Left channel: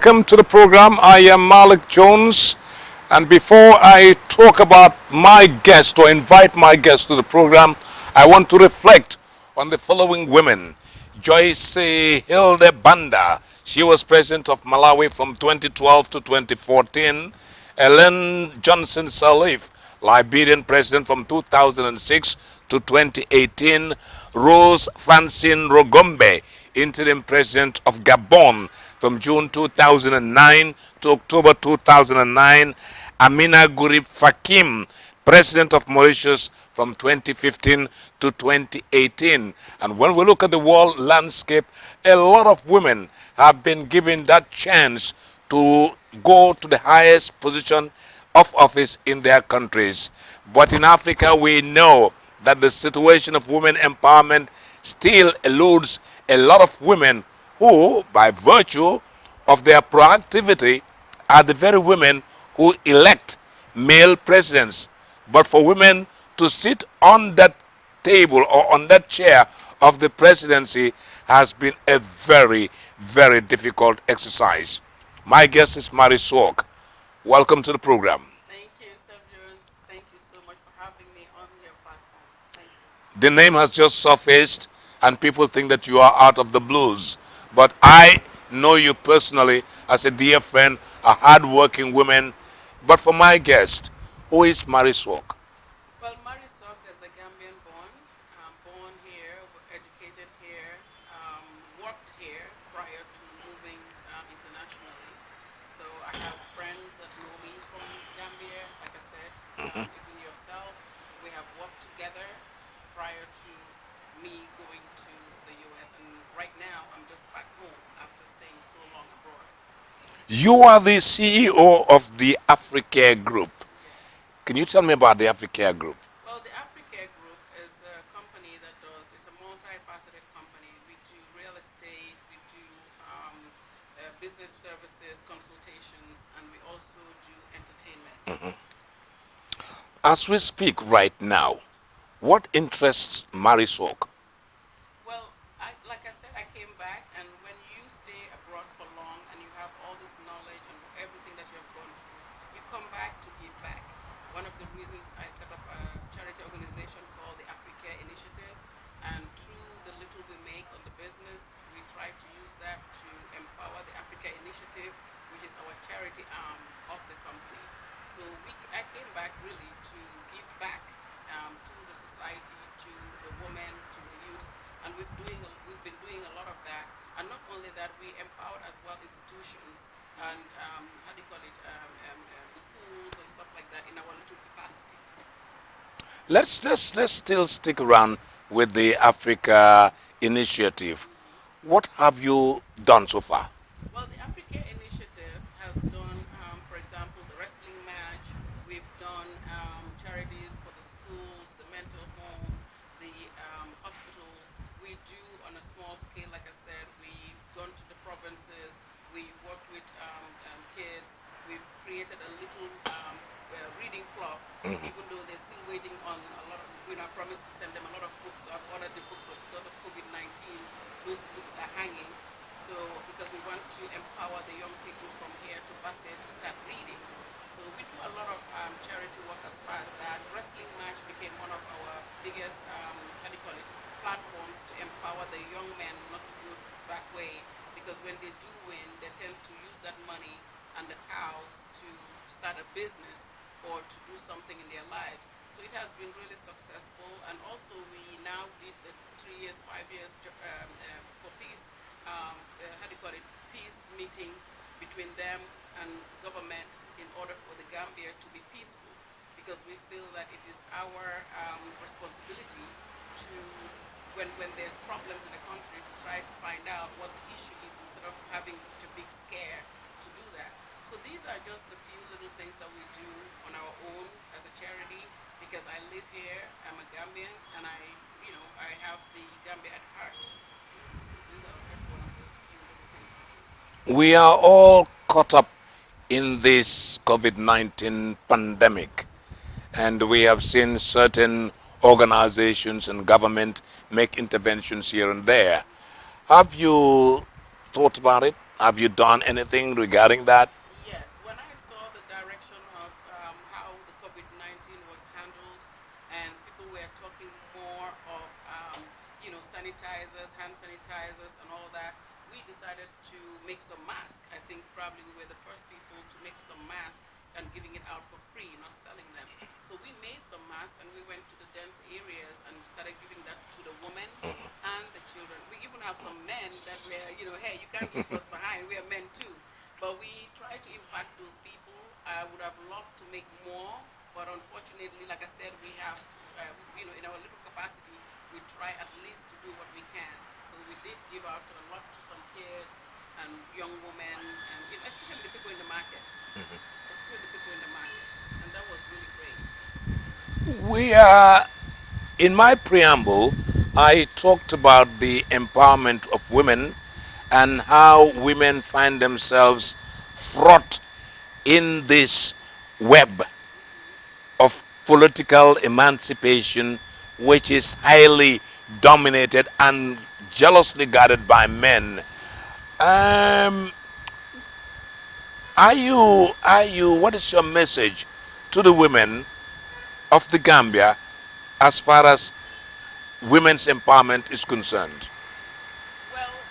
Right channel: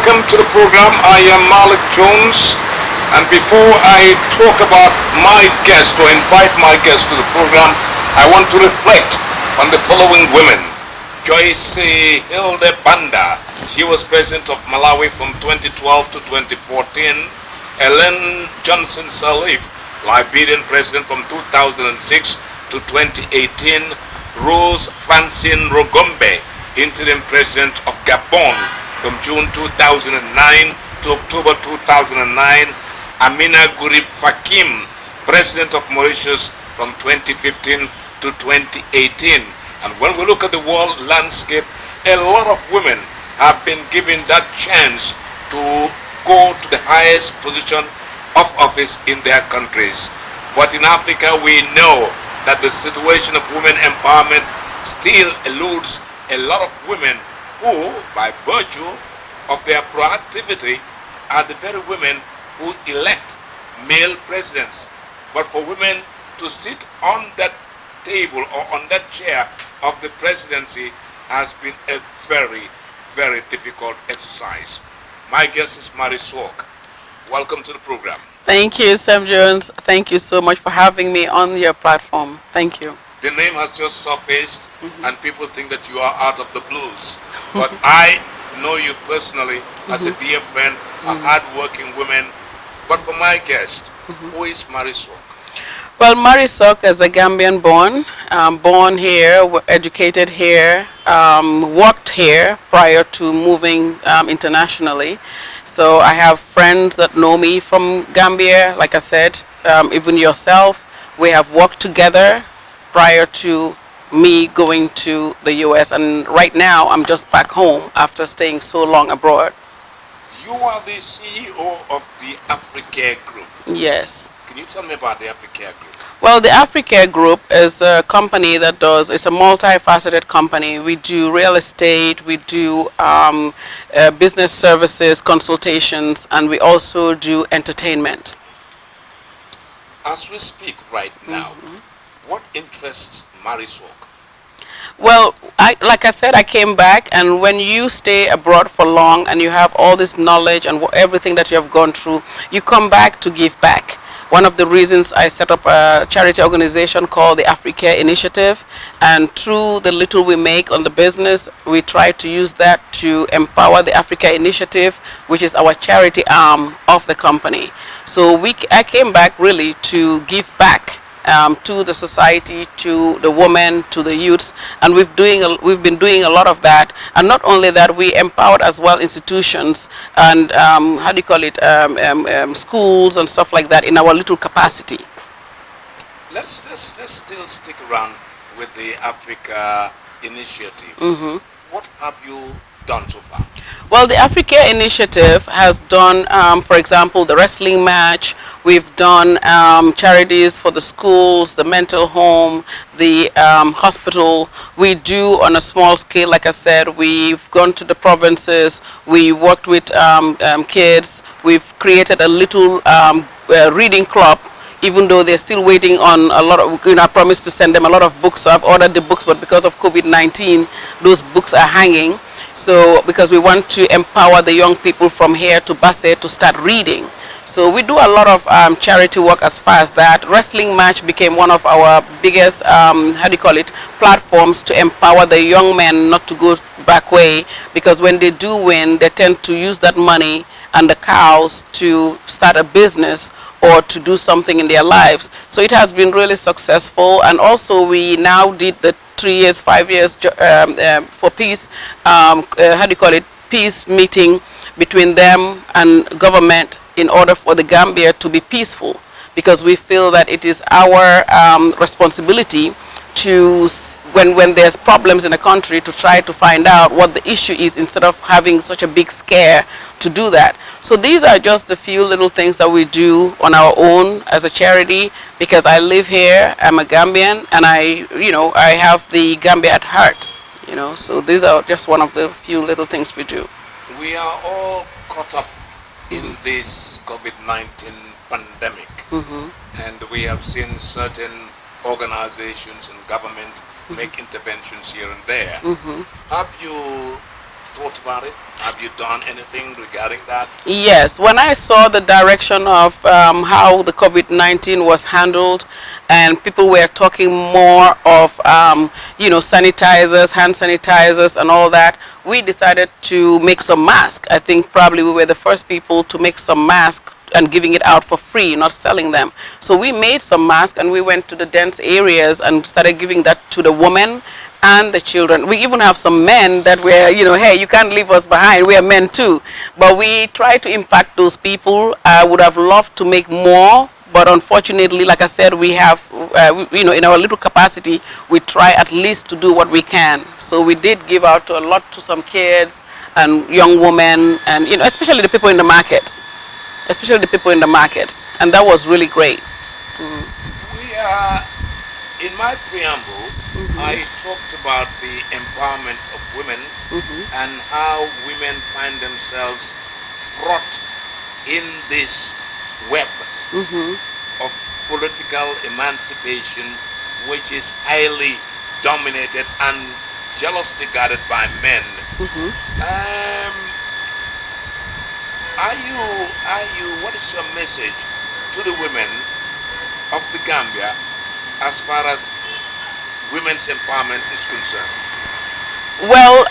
welcome to the program. I am Malik Jones, and before I talk about my guest or invite my guest to the program, I want to reflect on the following women. Joyce Hilde Banda, she was president of Malawi from 2012 to 2014. Ellen Johnson Sirleaf, Liberian president from 2006 to 2018. Rose Francine Rugombe, interim president of Gabon from June 2009 to October 2009. Amina Gurib Fakim, president of Mauritius from 2015 to 2018. And when we look at the world landscape, a lot of women have been given that chance to go to the highest position of office in their countries. But in Africa, we know that the situation of women empowerment still eludes a lot of women who, by virtue of their proactivity, are the very women who elect male presidents. But for women to sit on that table or on that chair of the presidency has been a very, very difficult exercise. My guest is Mary Swalk. Welcome to the program. Thank you, Sam Jones. Thank you so much for having me on your platform. Thank you. The name has just surfaced and people think that you are out of the blues. But I know you personally as a dear friend, a hard-working woman. But for my guest, who is Mary Swalk? Well, Mary Swalk is a Gambian born here, educated here, worked here prior to moving internationally. So I have friends that know me from Gambia, like I said, even yourself. We have worked together prior to me going to the US, and right now I'm just back home after staying so long abroad. You are the CEO of the Africare Group. Yes. Can you tell me about the Africare Group? Well, the Africare Group is a company that it's a multifaceted company. We do real estate, we do business services, consultations, and we also do entertainment. As we speak right now, what interests Mary Swalk? Well, like I said, I came back, and when you stay abroad for long and you have all this knowledge and everything that you have gone through, you come back to give back. One of the reasons I set up a charity organization called the Africare Initiative, and through the little we make on the business, we try to use that to empower the Africa Initiative, which is our charity arm of the company. So I came back really to give back to the society, to the women, to the youths, and we've been doing a lot of that. And not only that, we empowered as well institutions and schools and stuff like that in our little capacity. Let's still stick around with the Africa Initiative. What have you done so far? Well, the Africa Initiative has done, for example, the wrestling match. We've done charities for the schools, the mental home, the hospital. We do on a small scale, like I said. We've gone to the provinces. We worked with kids. We've created a little reading club, even though they're still waiting on a lot of, I promised to send them a lot of books, so I've ordered the books, but because of COVID-19, those books are hanging. So, because we want to empower the young people from here to Basse to start reading. So we do a lot of charity work as far as that. Wrestling match became one of our biggest, platforms to empower the young men not to go back way, because when they do win, they tend to use that money and the cows to start a business or to do something in their lives. So it has been really successful. And also we now did the 3 years, 5 years for peace, peace meeting between them and government in order for the Gambia to be peaceful, because we feel that it is our responsibility to, when there's problems in a country, to try to find out what the issue is instead of having such a big scare to do that. So these are just a few little things that we do on our own as a charity, because I live here, I'm a Gambian, and I have the Gambia at heart, so these are just one of the few little things we do. We are all caught up in this COVID-19 pandemic, and we have seen certain organizations and government make interventions here and there. Have you thought about it? Have you done anything regarding that? Yes, when I saw the direction of how the COVID-19 was handled, and people were talking more of, sanitizers, hand sanitizers, and all that, we decided to make some masks. I think probably we were the first people to make some masks and giving it out for free, not selling them. So we made some masks and we went to the dense areas and started giving that to the women and the children. We even have some men that were, hey, you can't leave us behind. We are men too. But we try to impact those people. I would have loved to make more, but unfortunately, like I said, we have, in our little capacity, we try at least to do what we can. So we did give out a lot to some kids and young women, and especially the people in the markets. And that was really great. We are, in my preamble, I talked about the empowerment of women and how women find themselves fraught in this web of political emancipation, which is highly dominated and jealously guarded by men. What is your message to the women of the Gambia as far as women's empowerment is concerned? Well,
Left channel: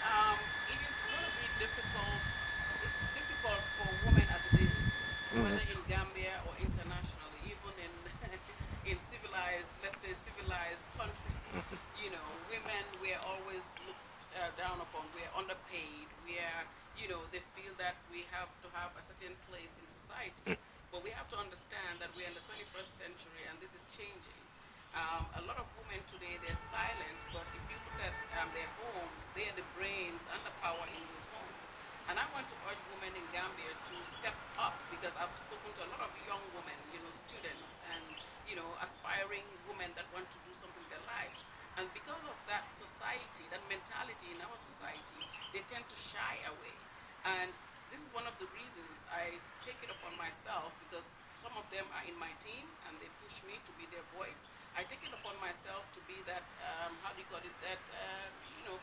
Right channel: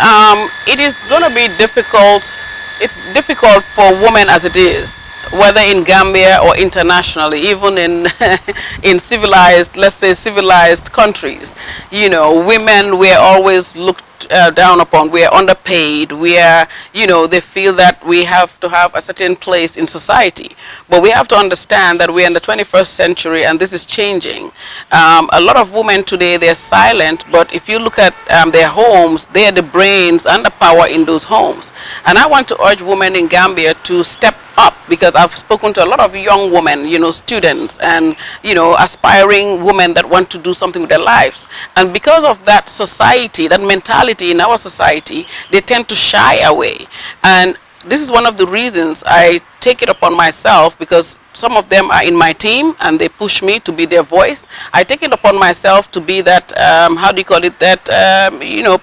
it is going to be difficult. It's difficult for women as it is, whether in Gambia or internationally, even in in civilized, let's say civilized countries. Women were always looked down upon. We are underpaid. We are, they feel that we have to have a certain place in society. But we have to understand that we're in the 21st century and this is changing. A lot of women today, they're silent, but if you look at their homes, they are the brains and the power in those homes. And I want to urge women in Gambia to step up, because I've spoken to a lot of young women, students and, aspiring women that want to do something with their lives. And because of that society, that mentality in our society, they tend to shy away. And this is one of the reasons I take it upon myself, because some of them are in my team and they push me to be their voice. I take it upon myself to be that,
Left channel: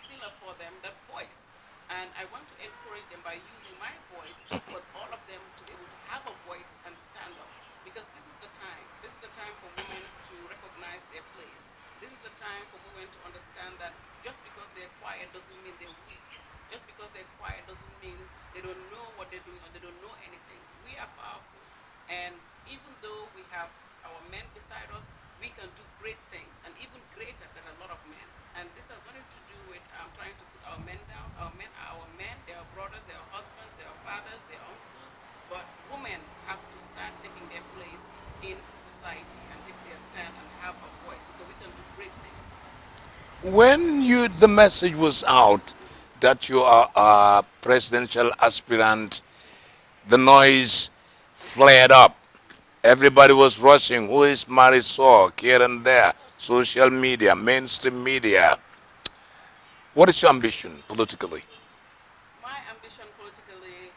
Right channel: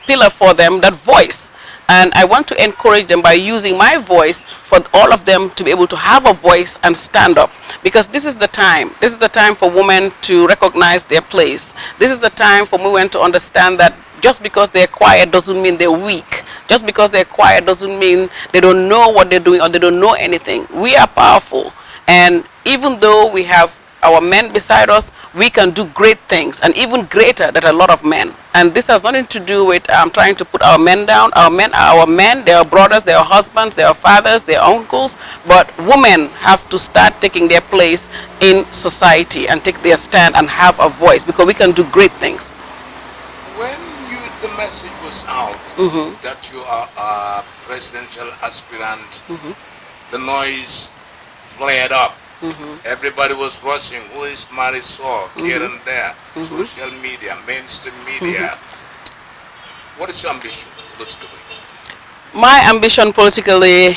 pillar for them, that voice. And I want to encourage them by using my voice for all of them to be able to have a voice and stand up. Because this is the time. This is the time for women to recognize their place. This is the time for women to understand that just because they're quiet doesn't mean they're weak. Just because they're quiet doesn't mean they don't know what they're doing or they don't know anything. We are powerful. And even though we have our men beside us, we can do great things, and even greater than a lot of men. And this has nothing to do with trying to put our men down. Our men are our men, they are brothers, they are husbands, they are fathers, they are uncles. But women have to start taking their place in society and take their stand and have a voice, because we can do great things. When the message was out that you are a presidential aspirant, the noise flared up. Everybody was rushing. Who is Marisol? Here and there. Social media, mainstream media. What is your ambition politically? My ambition politically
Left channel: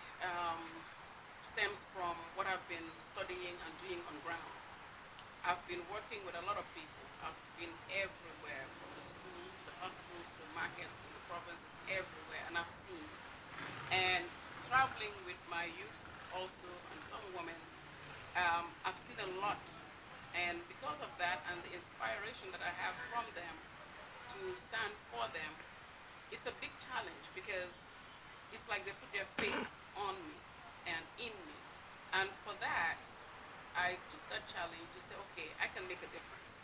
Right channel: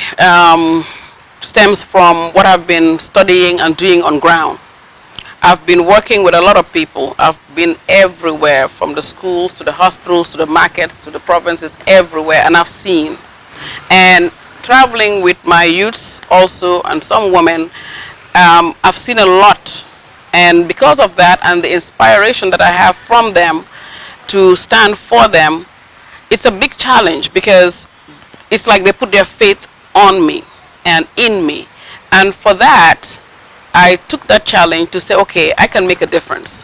stems from what I've been studying and doing on ground. I've been working with a lot of people. I've been everywhere, from the schools to the hospitals to the markets to the provinces, everywhere, and I've seen. And traveling with my youths also, and some women, I've seen a lot. And because of that and the inspiration that I have from them to stand for them, it's a big challenge, because it's like they put their faith on me and in me. And for that, I took that challenge to say, okay, I can make a difference.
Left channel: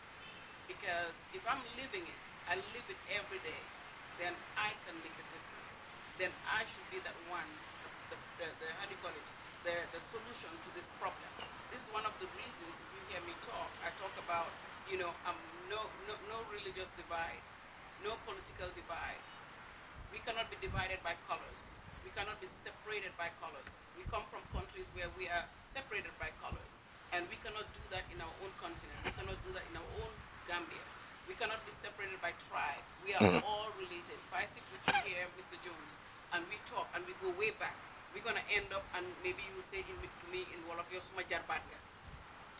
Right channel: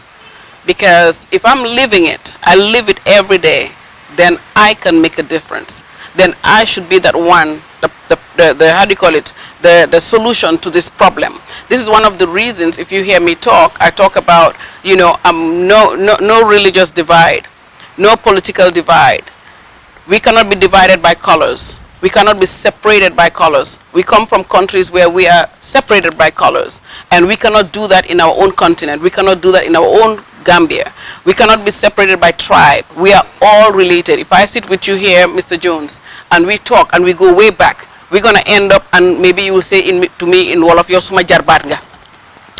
Because if I'm living it, I live it every day, then I can make a difference. Then I should be that one, the solution to this problem. This is one of the reasons, if you hear me talk, I talk about, no religious divide, no political divide. We cannot be divided by colors. We cannot be separated by colors. We come from countries where we are separated by colors, and we cannot do that in our own continent. We cannot do that in our own Gambia. We cannot be separated by tribe. We are all related. If I sit with you here, Mr. Jones, and we talk and we go way back, we're going to end up, and maybe you will say to me in Wolof, "Yo suma jarbaat nga."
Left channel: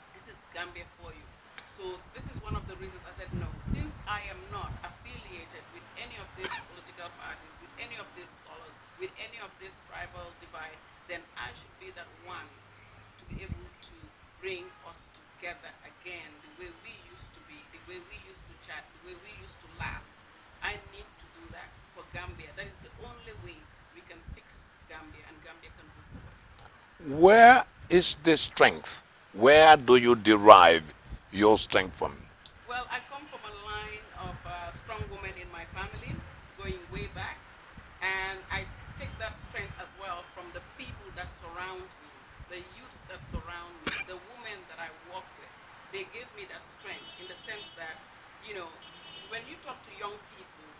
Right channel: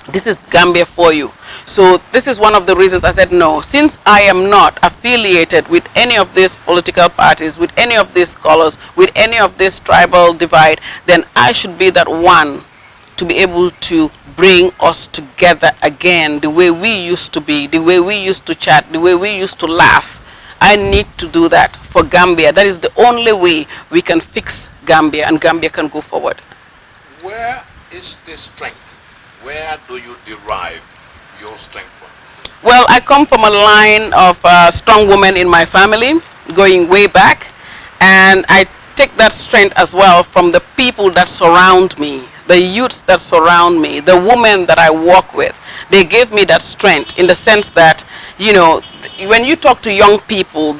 This is Gambia for you. So this is one of the reasons I said no. Since I am not affiliated with any of these political parties, with any of these colors, with any of this tribal divide, then I should be that one to be able to bring us together again the way we used to be, the way we used to chat, the way we used to laugh. I need to do that for Gambia. That is the only way we can fix Gambia and Gambia can go forward. Where is the strength? Where do you derive your strength from? Well, I come from a line of strong women in my family, going way back, and I take that strength as well from the people that surround me, the youths that surround me, the women that I work with. They gave me that strength in the sense that, you know, when you talk to young people,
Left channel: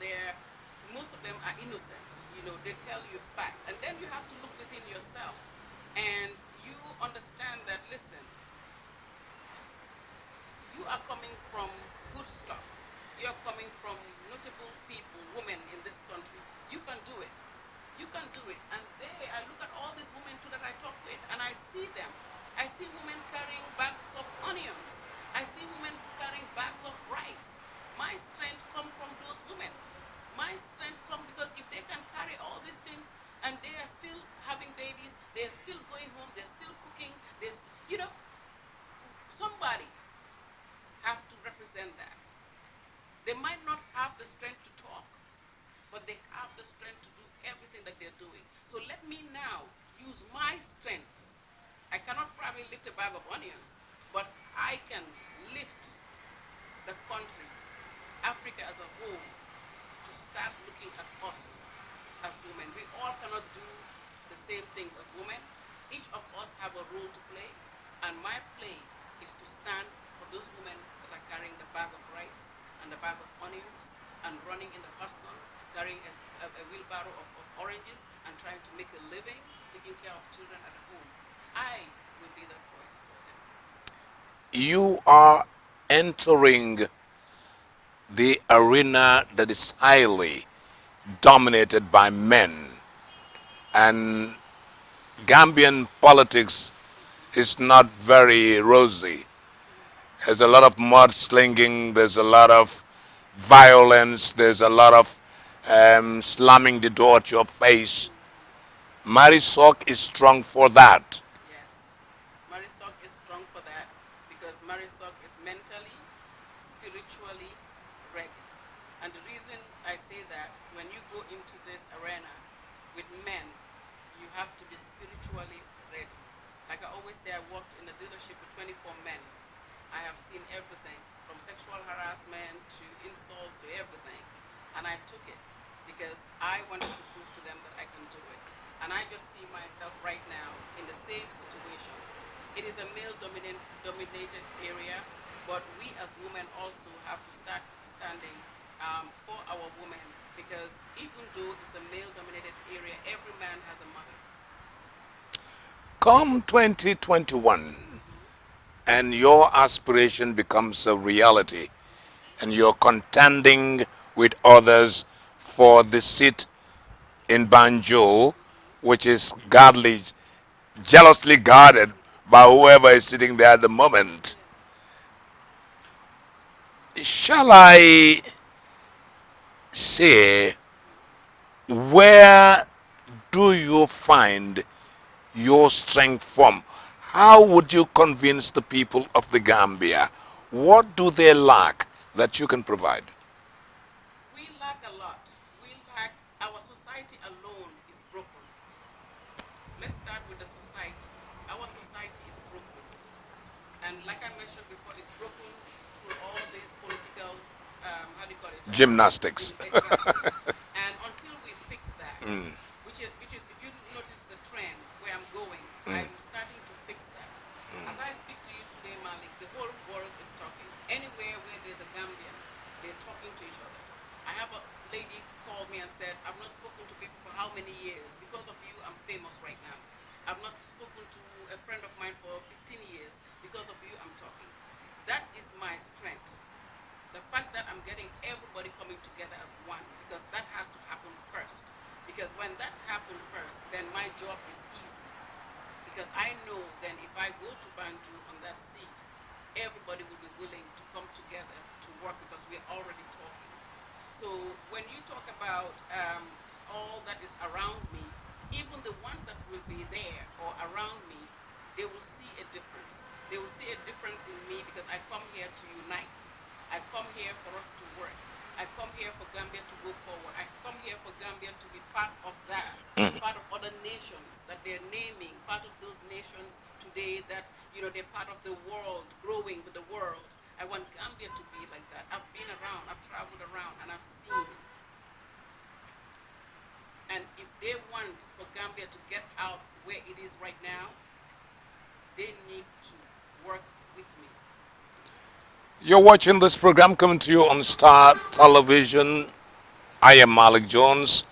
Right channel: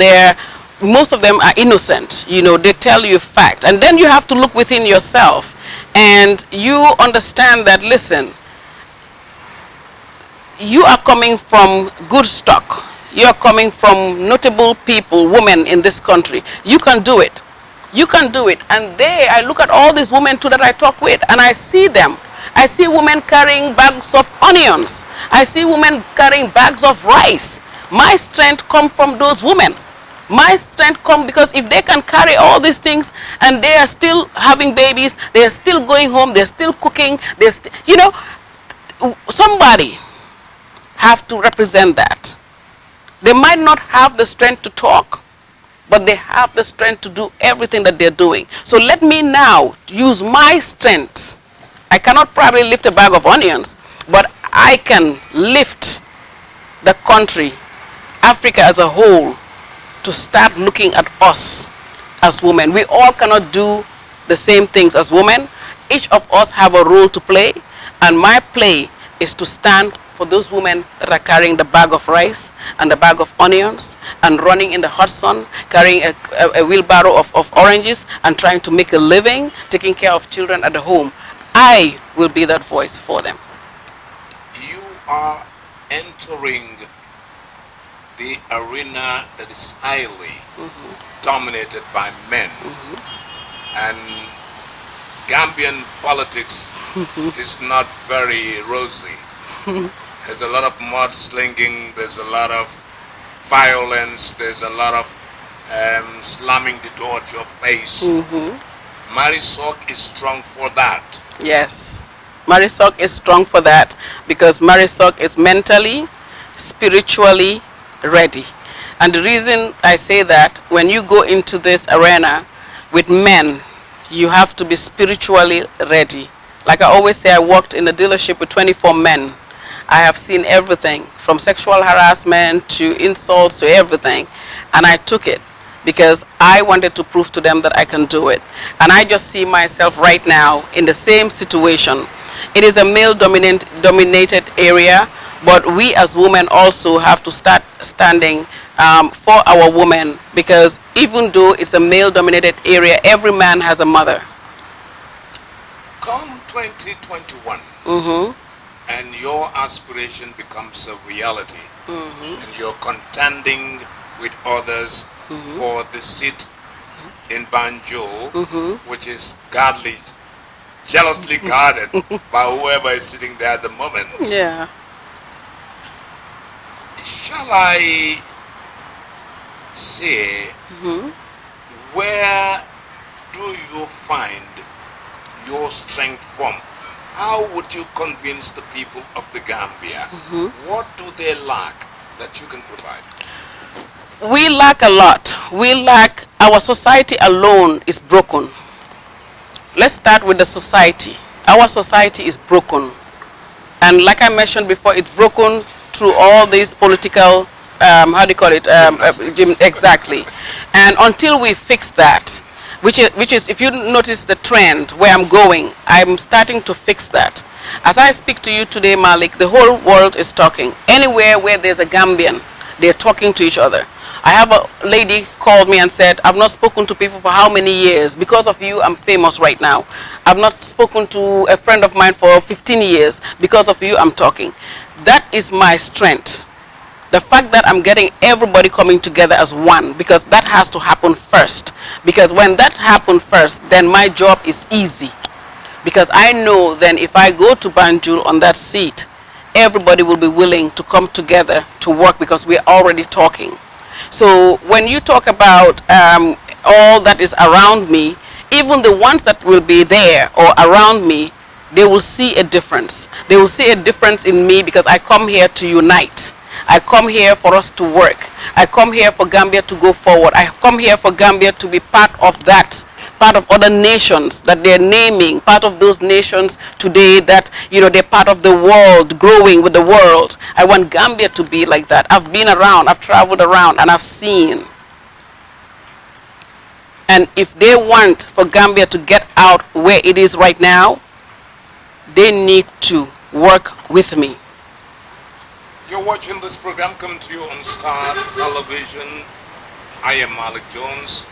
most of them are innocent, you know, they tell you fact, and then you have to look within yourself and you understand that, listen, you are coming from good stock. You are coming from notable people, women in this country. You can do it. You can do it. And I look at all these women too that I talk with, and I see them. I see women carrying bags of onions. I see women carrying bags of rice. My strength comes from those women. My strength comes because if they can carry all these things and they are still having babies, they are still going home, they're still cooking, you know, somebody have to represent that. They might not have the strength to talk, but they have the strength to do everything that they're doing. So let me now use my strength. I cannot probably lift a bag of onions, but I can lift the country, Africa as a whole, to start looking at us as women. We all cannot do the same things as women. Each of us have a role to play, and my play is to stand for those women that are carrying the bag of rice and the bag of onions and running in the hot sun, carrying a wheelbarrow of oranges and trying to make a living, taking care of children at the home. I will be that voice for them. You are entering the arena that is highly dominated by men. And Gambian politics is not very rosy. There's a lot of mudslinging, there's a lot of violence, there's a lot of slamming the door at your face. Marisol is strong for that. Yes, Marisol is strong for that because Marisol is mentally, spiritually ready. And the reason I say that, when you go into this arena with men, you have to be spiritually ready. Like I always say, I worked in a dealership with 24 men. I have seen everything from sexual harassment to insults to everything, and I took it because I wanted to prove to them that I can do it. And I just see myself right now in the same situation. It is a male dominated area, but we as women also have to start standing for our women, because even though it's a male dominated area, every man has a mother. Come 2021, and your aspiration becomes a reality, and you're contending with others for the seat in Banjul, which is jealously guarded by whoever is sitting there at the moment. Yeah. Shall I say, where do you find your strength from? How would you convince the people of the Gambia? What do they lack that you can provide? We lack a lot. Our society alone is broken. Let's start with the society. Our society is broken. And like I mentioned before, it's broken through all these political, how do you call it? Exactly. And until we fix that, which is, if you notice the trend where I'm going, I'm starting to fix that. As I speak to you today, Malik, the whole world is talking. Anywhere where there's a Gambian, they're talking to each other. I have a lady called me and said, I've not spoken to people for how many years? Because of you, I'm famous right now. I've not spoken to a friend of mine for 15 years. Because of you, I'm talking. That is my strength. The fact that I'm getting everybody coming together as one, because that has to happen first. Because when that happens first, then my job is easy. Because I know then if I go to Banjul on that seat, everybody will be willing to come together to work because we're already talking. So when you talk about all that is around me, even the ones that will be there or around me, they will see a difference. They will see a difference in me because I come here to unite. I come here for us to work. I come here for Gambia to go forward. I come here for Gambia to be part of that, part of other nations that they're naming, part of those nations today that, you know, they're part of the world, growing with the world. I want Gambia to be like that. I've been around, I've traveled around, and I've seen. And if they want for Gambia to get out where it is right now, they need to work with me. You're watching this program coming to you on Star Television. I am Malik Jones.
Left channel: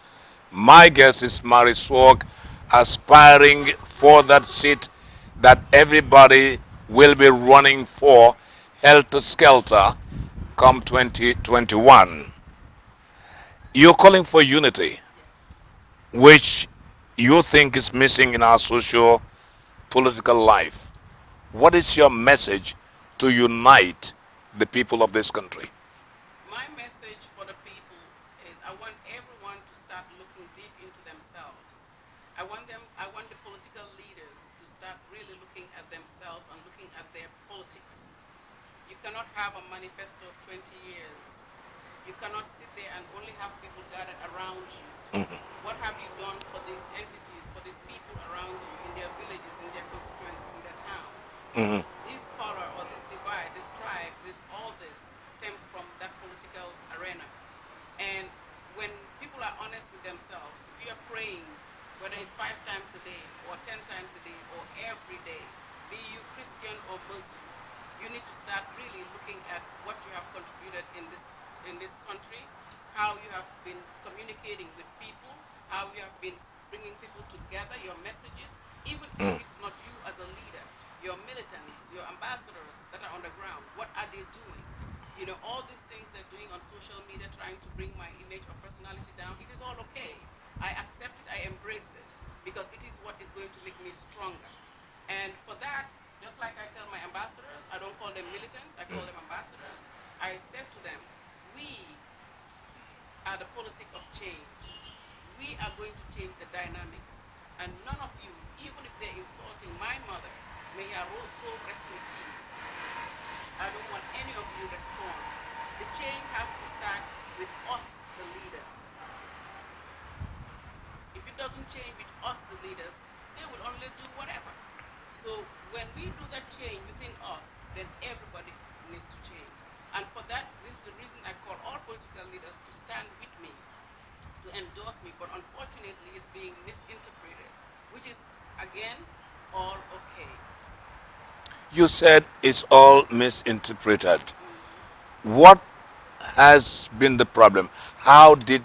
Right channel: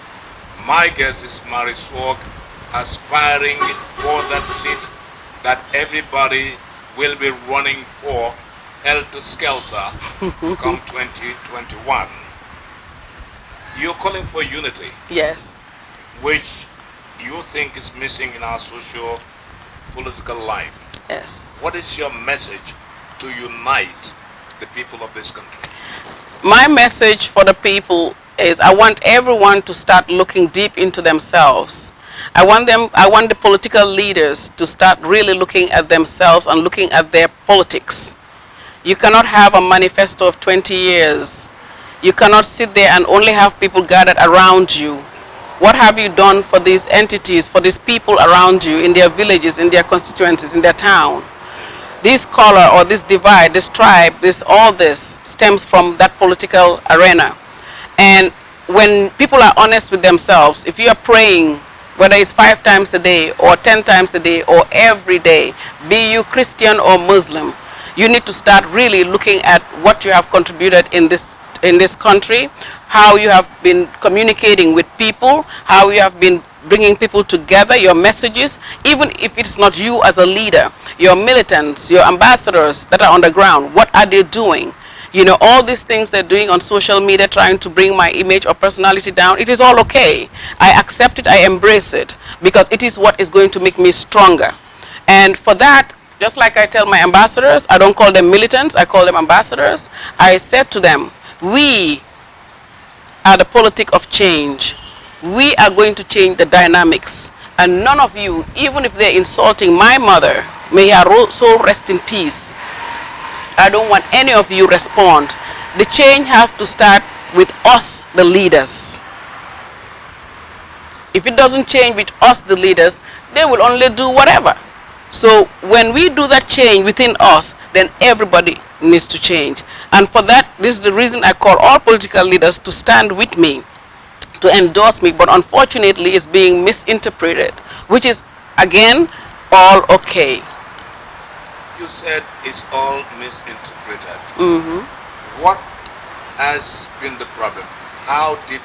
My guest is Mary Swog, aspiring for that seat that everybody will be running for, helter skelter, come 2021. You're calling for unity, Yes. which you think is missing in our social political life. Yes. What is your message to unite the people of this country? My message for the people is I want everyone to start looking deep into themselves. I want the political leaders to start really looking at themselves and looking at their politics. You cannot have a manifesto of 20 years. You cannot sit there and only have people gathered around you. What have you done for these entities, for these people around you, in their villages, in their constituencies, in their town? This color or this divide, this tribe, all this stems from that political arena. And when people are honest with themselves, if you are praying, whether it's 5 times a day or 10 times a day or every day, be you Christian or Muslim, you need to start really looking at what you have contributed in this country, how you have been communicating with people, how you have been bringing people together, your messages, even if it's not you as a leader, your militants, your ambassadors that are on the ground, what are they doing? You know, all these things they're doing on social media, trying to bring my image or personality down, it is all okay. I accept it, I embrace it, because it is what is going to make me stronger. And for that, just like I tell my ambassadors, I don't call them militants, I call them ambassadors. I said to them, we are the politic of change. We are going to change the dynamics. And none of you, even if they're insulting my mother, may her soul rest in peace, I don't want any of you respond. The change has to start with us, the leaders. If it doesn't change with us, the leaders, they will only do whatever. So when we do that change within us, then everybody needs to change. And for that, this is the reason I call all political leaders to stand with me, to endorse me, but unfortunately it's being misinterpreted, which is, again, all okay. You said it's all misinterpreted. What has been the problem? How did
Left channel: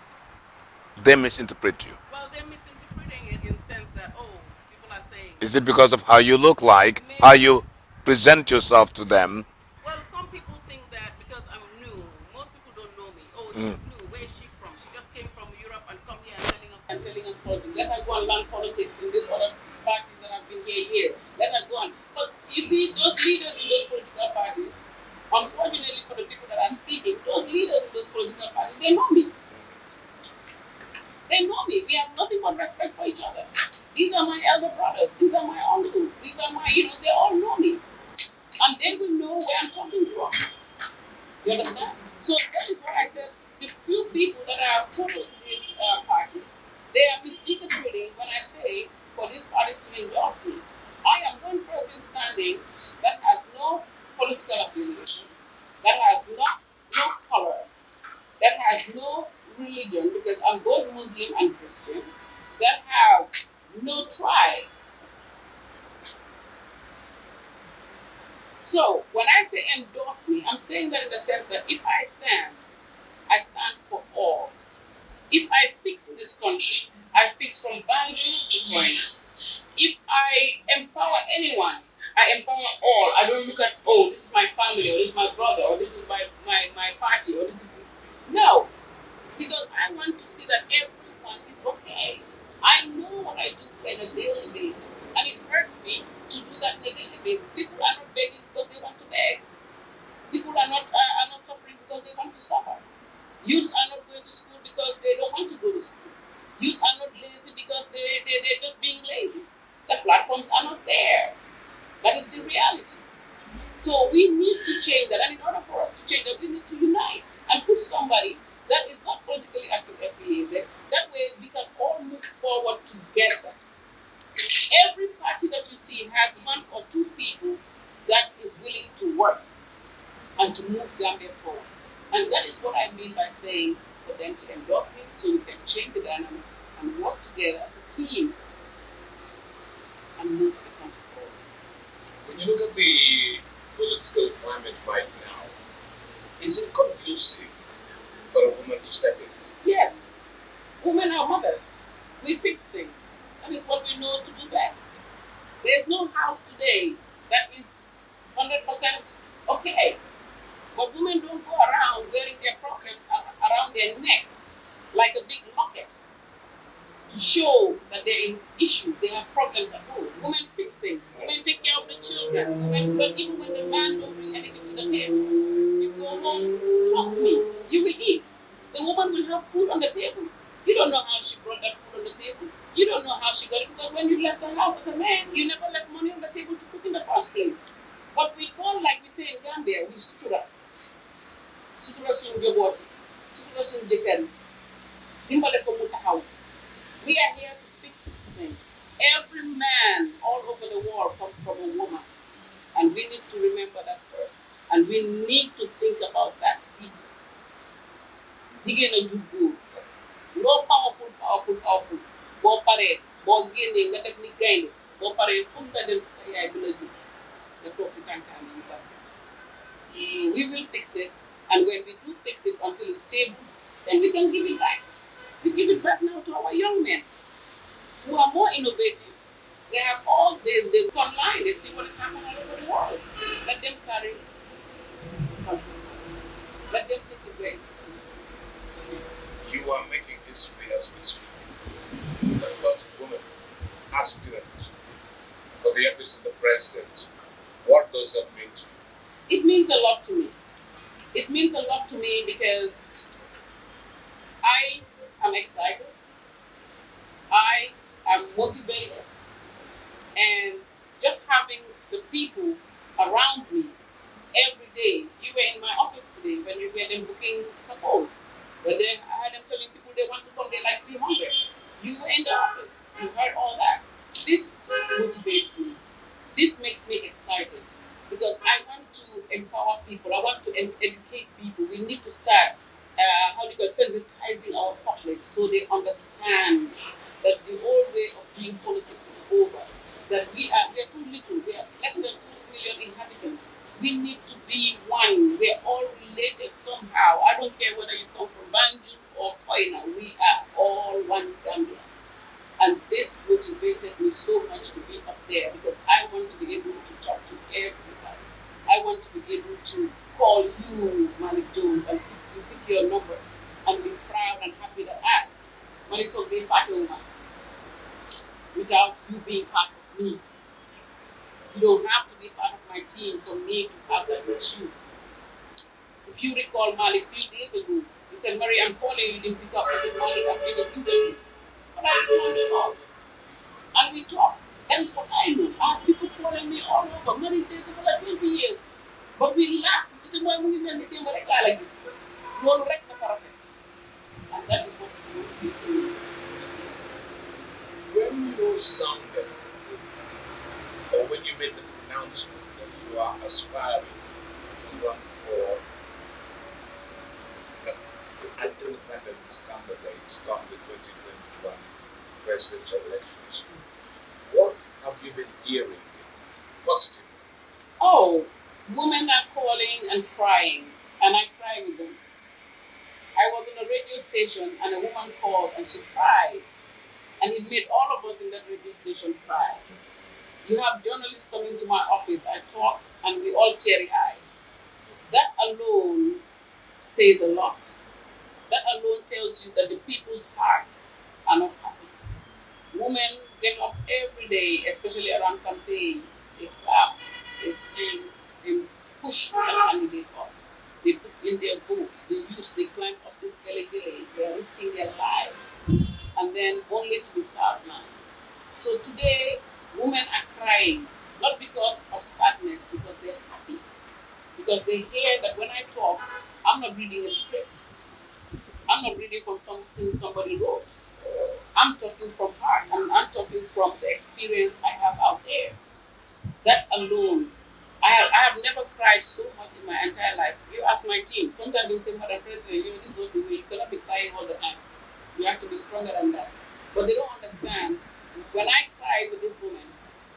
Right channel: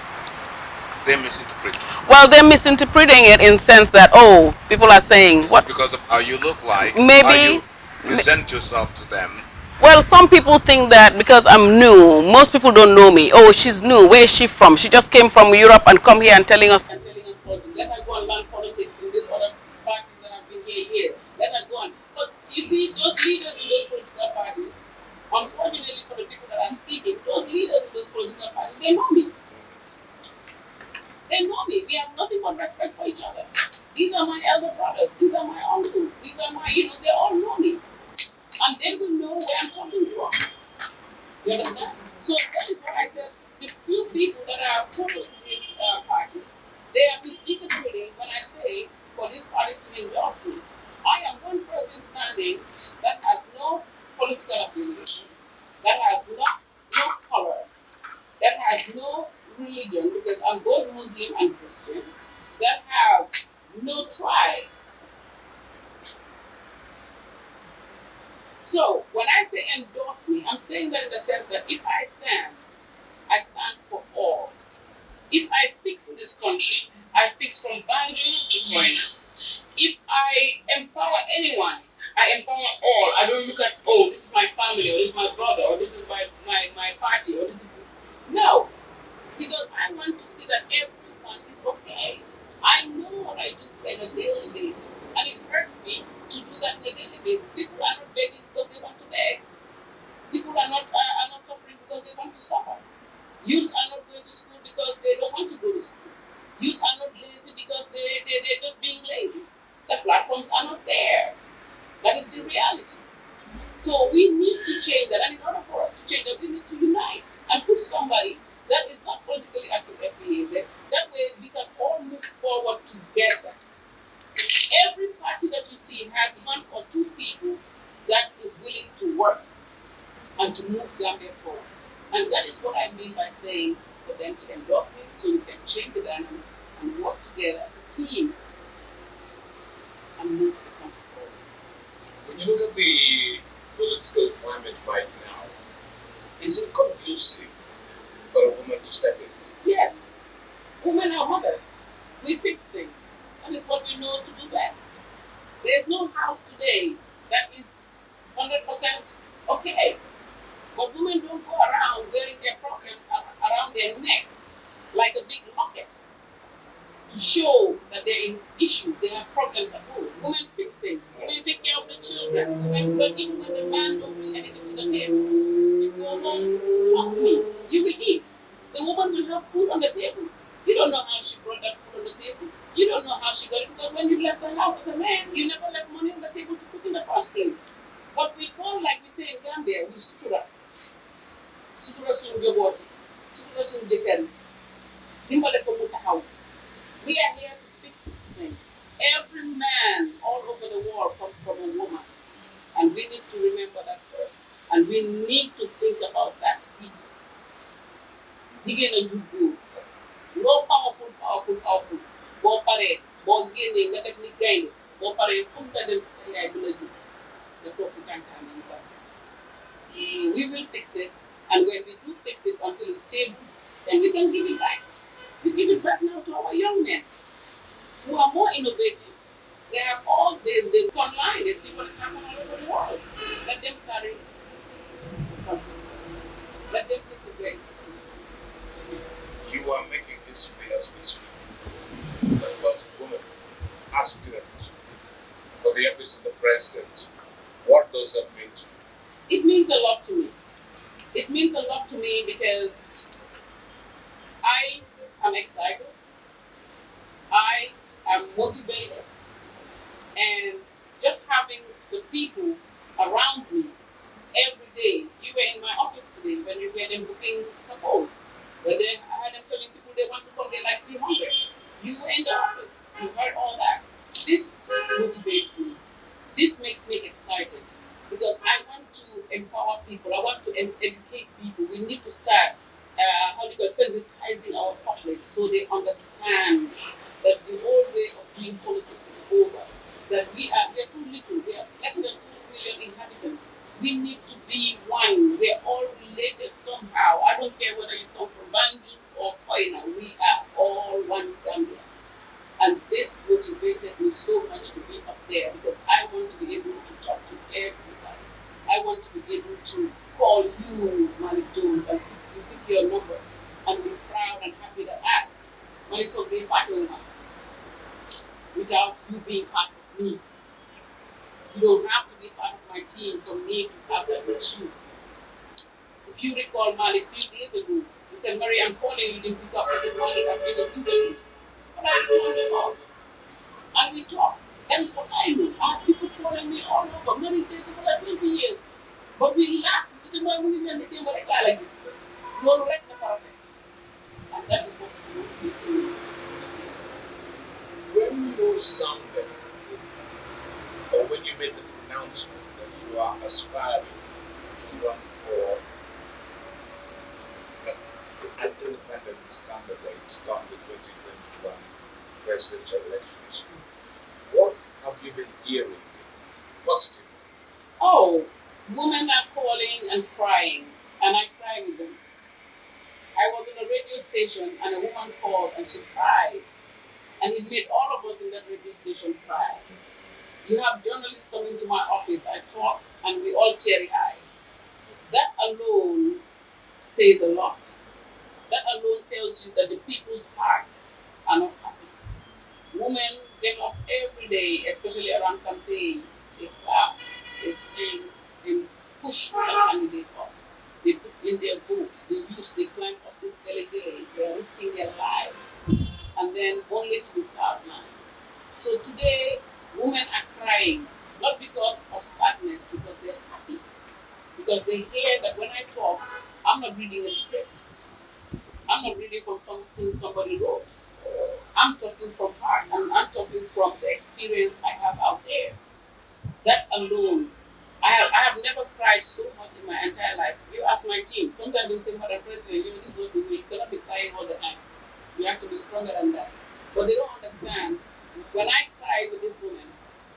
they misinterpret? Well, they're misinterpreting it in the sense that, oh, people are saying... Is it because of how you look like? Maybe, how you present yourself to them? Well, some people think that because I'm new, most people don't know me. Oh, she's new. Where is she from? She just came from Europe and come here and telling us politics. Let her go and learn politics in these other parties that have been here years. Let her go on. But you see, those leaders in those political parties, unfortunately for the people that are speaking, those leaders in those political parties, they know me. They know me. We have nothing but respect for each other. These are my elder brothers. These are my uncles. These are my, they all know me. And they will know where I'm coming from. You understand? So that is what I said. The few people that are following these parties, they are misinterpreting when I say for these parties to endorse me. I am one person standing that has no political affiliation, that has no color, that has no religion, because I'm both Muslim and Christian, that have no tribe. So when I say endorse me, I'm saying that in the sense that if I stand for all. If I fix this country, I fix from Biden to Moina. If I empower anyone, I empower all. I don't look at, oh, this is my family, or this is my brother, or this is my party, or this is... No. Because I want to see that everyone is okay. I know what I do on a daily basis, and it hurts me to do that on a daily basis. People are not begging because they want to beg. are not suffering because they want to suffer. Youths are not going to school because they don't want to go to school. Youths are not lazy because they're just being lazy. The platforms are not there. That is the reality. So we need to change that. And in order for us to change that, we need to unite and put somebody that is not politically affiliated. That way we can all move forward together. Every party that you see has one or two people that is willing to work and to move Gambia forward. And that is what I mean by saying for them to endorse me so we can change the dynamics and work together as a team and move the country forward. When you look at the political climate right now, is it conducive for a woman to step in? Yes, women are mothers. We fix things. That is what we know to do best. There is no house today that is 100% okay. But women don't go around wearing their problems around their necks like a big locket to show that they're in issue. They have problems at home. Women fix things. Women take care of the children. Women, but even when the man don't bring anything to the table, you go home, trust me, you will eat. The woman will have food on the table. You don't know how she brought that food on the table. You don't know how she got it because when you left the house as a man, you never left money on the table to cook in the first place. But we call, like we say in Gambia, we stood up. Sutura suñu njaboot yi, sutura suñu jëkkër yi, dimbale ko mu taxaw. We are here to fix things. Every man all over the world comes from a woman. And we need to remember that first. And we need to think about that deeply. Jigéen a jur góor. Loo powerful. Boo paree, boo génnee nga def ni gaynde, boo paree fu nga dem si sa yaay bi la jur. Nga toog si tànkaam yi barke. So we will fix it. And when we do fix it until it's stable, then we can give it back. We give it back now to our young men who are more innovative. They have all, they look online, they see what is happening all over the world. Let them carry the country forward. Let them take the grace. You are making history as we speak. The first woman aspirant for the office of the president. What does that mean to you? It means a lot to me. It means a lot to me because I am excited, I am motivated, and just having the people around me every day. You were in my office today when you were them booking kafos. When I had them telling people they want to come, they like 300. You were in the office, you heard all that. This motivates me. This makes me excited. Because I want to empower people, I want to educate people. We need to start, sensitizing our populace so they understand that the old way of doing politics is over. That we are too little, we are less than 2 million inhabitants. We need to be one. We are all related somehow. I don't care whether you come from Banjul or Koina, we are all one Gambia. And this motivated me so much to be up there because I want to be able to talk to everybody. I want to be able to call you, Malik Jones, and you pick your number and be proud and happy that Malik so be part of without you being part of me. You don't have to be part of my team for me to have that with you. If you recall Malik a few days ago, you said, Mary, I'm calling you, didn't pick up. I said, Malik, I've been an interview. But I told them all. And we talk. That is what I know. I have people calling me all over. Many days for like 20 years. But we laugh. We say, why are we going to do like this? No, wreck the perfect. And that is what is going to be. When you sounded, or when you made the pronouncement that you are aspiring to run for an independent candidate come the 2021 presidential elections, what have you been hearing positively? Oh, women are calling and crying, and I cry with them. I was in a radio station and a woman called and she cried, and it made all of us in that radio station cry. You have journalists coming to my office, I talk, and we all teary-eyed. That alone says a lot. That alone tells you that the people's hearts are not happy. Women get up every day, especially around campaign. They clap, they sing, they push the candidate up. They put in their boots, they climb up this gully, they are risking their lives, and then only to be served now. So today, women are crying, not because of sadness, because they're happy. Because they hear that when I talk, I'm not reading a script. I'm not reading from something somebody wrote. I'm talking from heart, and I'm talking from the experience I have out there. That alone, I have never cried so much in my entire life. You ask my team, sometimes they say, Madam President, this is what we do. You cannot be crying all the time. You have to be stronger than that. But they don't understand. When I cry with this woman,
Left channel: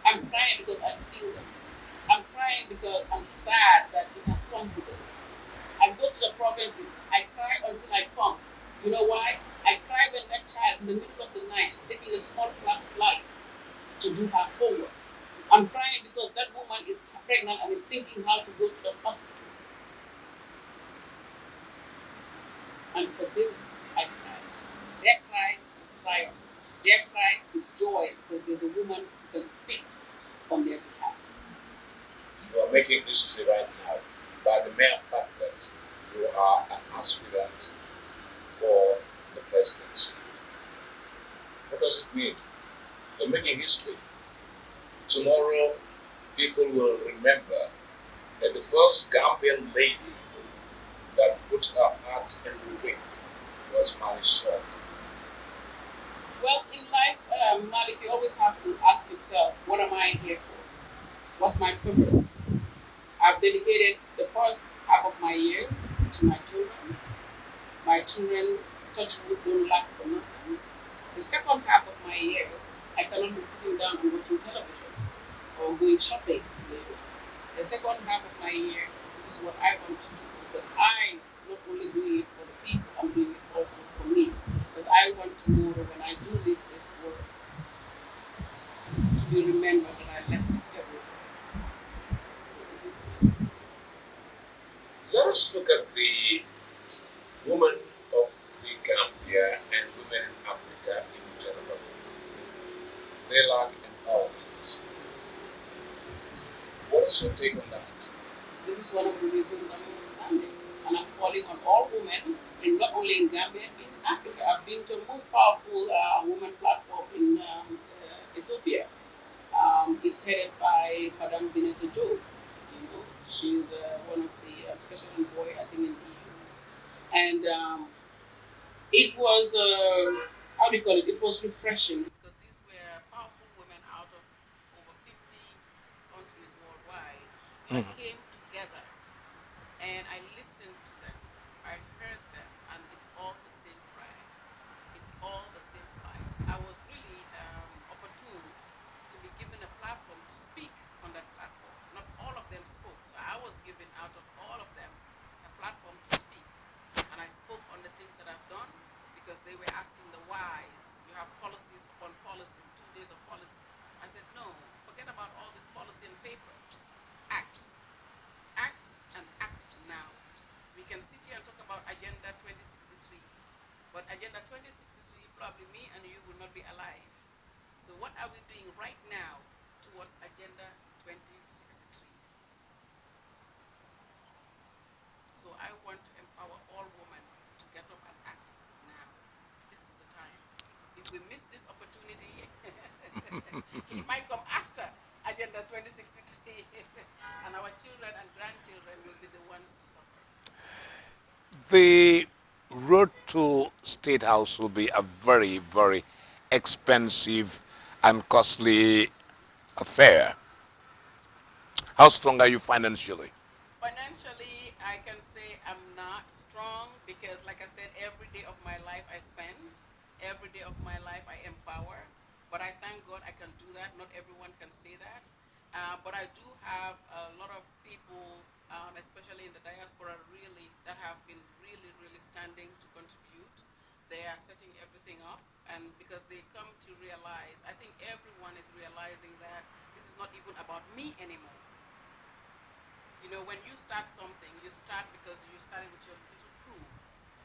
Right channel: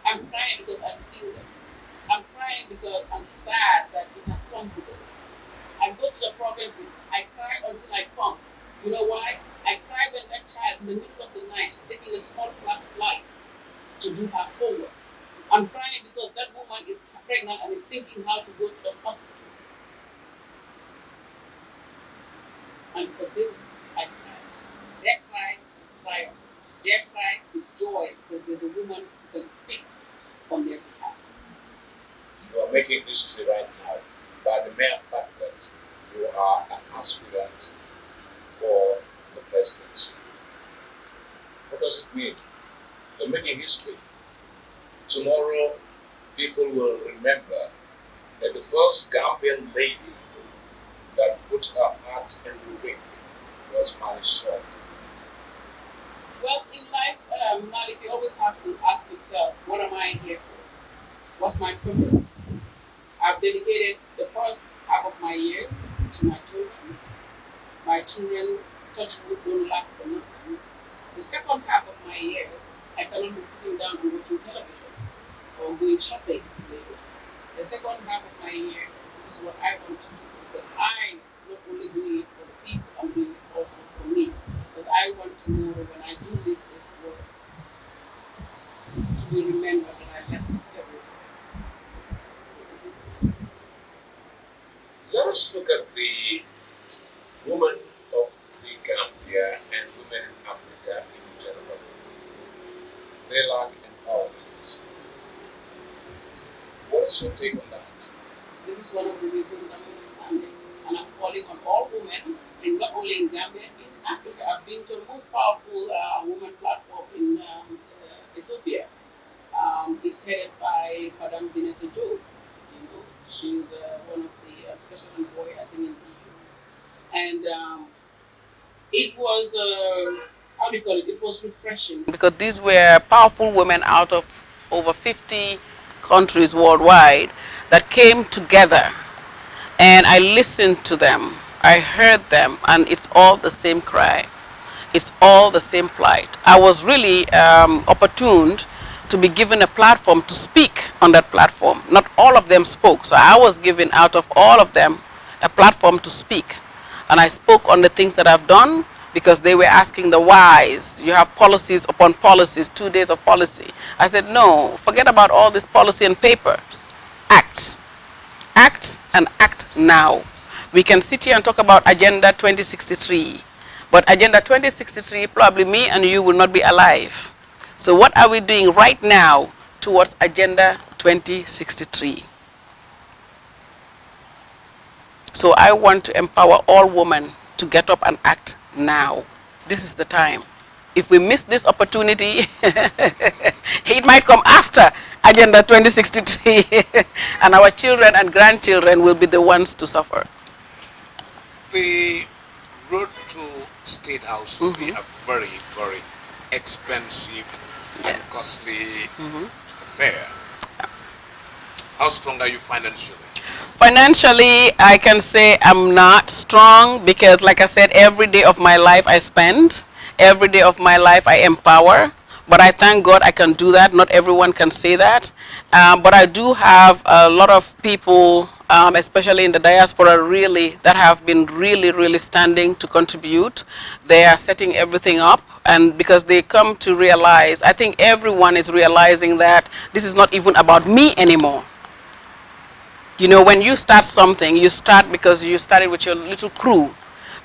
I'm crying because I feel them. I'm crying because I'm sad that it has come to this. I go to the provinces, I cry until I come. You know why? I cry when that child in the middle of the night, she's taking a small flashlight to do her homework. I'm crying because that woman is pregnant and is thinking how to go to the hospital. And for this, I cry. Their cry is triumph. Their cry is joy because there's a woman who can speak on their behalf. You are making history right now by the mere fact that you are an aspirant for the presidency. What does it mean? You're making history. Tomorrow, people will remember that the first Gambian lady that put her heart in the ring was Mali Shaw. Well, in life, Malik, you always have to ask yourself, what am I here for? What's my purpose? I've dedicated the first half of my years to my children. My children, touch wood, don't lack for nothing. The second half of my years, I cannot be sitting down and watching television or going shopping in the US. The second half of my year, this is what I want to do because I'm not only doing it for the people, I'm doing it also for me. Because I want tomorrow when I do leave this world to be remembered that I left everywhere. So it is my legacy. Let us look at the women of the Gambia and women in Africa in general. They lack empowerment. What is your take on that? This is one of the reasons I'm understanding. And I'm calling on all women, and not only in Gambia, in Africa. I've been to the most powerful women platform in Ethiopia. It's headed by Madame Bineta Joe. She's one of the special envoy, I think, in the EU. And it was, how do you call it? It was refreshing. Because these were powerful women out of over 50 countries worldwide that came together. And I listened to them. I heard them, and it's all the same cry. It's all the same plight. I was really opportuned to be given a platform to speak on that platform. Not all of them spoke, so I was given out of all of them a platform to speak. And I spoke on the things that I've done because they were asking the whys. You have policies upon policies, 2 days of policy. I said, no, forget about all this policy and paper. Act. Act and act now. We can sit here and talk about Agenda 2063, but Agenda 2063, probably me and you will not be alive. So what are we doing right now towards Agenda 2063? So I want to empower all women to get up and act now. This is the time. If we miss this opportunity, it might come after Agenda 2063, and our children and grandchildren will be the ones to suffer. The road to State House will be a very, very expensive and costly affair. How strong are you financially? Financially, I can say I'm not strong because, like I said, every day of my life I spend. Every day of my life I empower. But I thank God I can do that. Not everyone can say that. But I do have a lot of people, especially in the diaspora, really, that have been really standing to contribute. They are setting everything up. And because they come to realize, I think everyone is realizing that this is not even about me anymore. You know, when you start something, you start because you started with your little crew.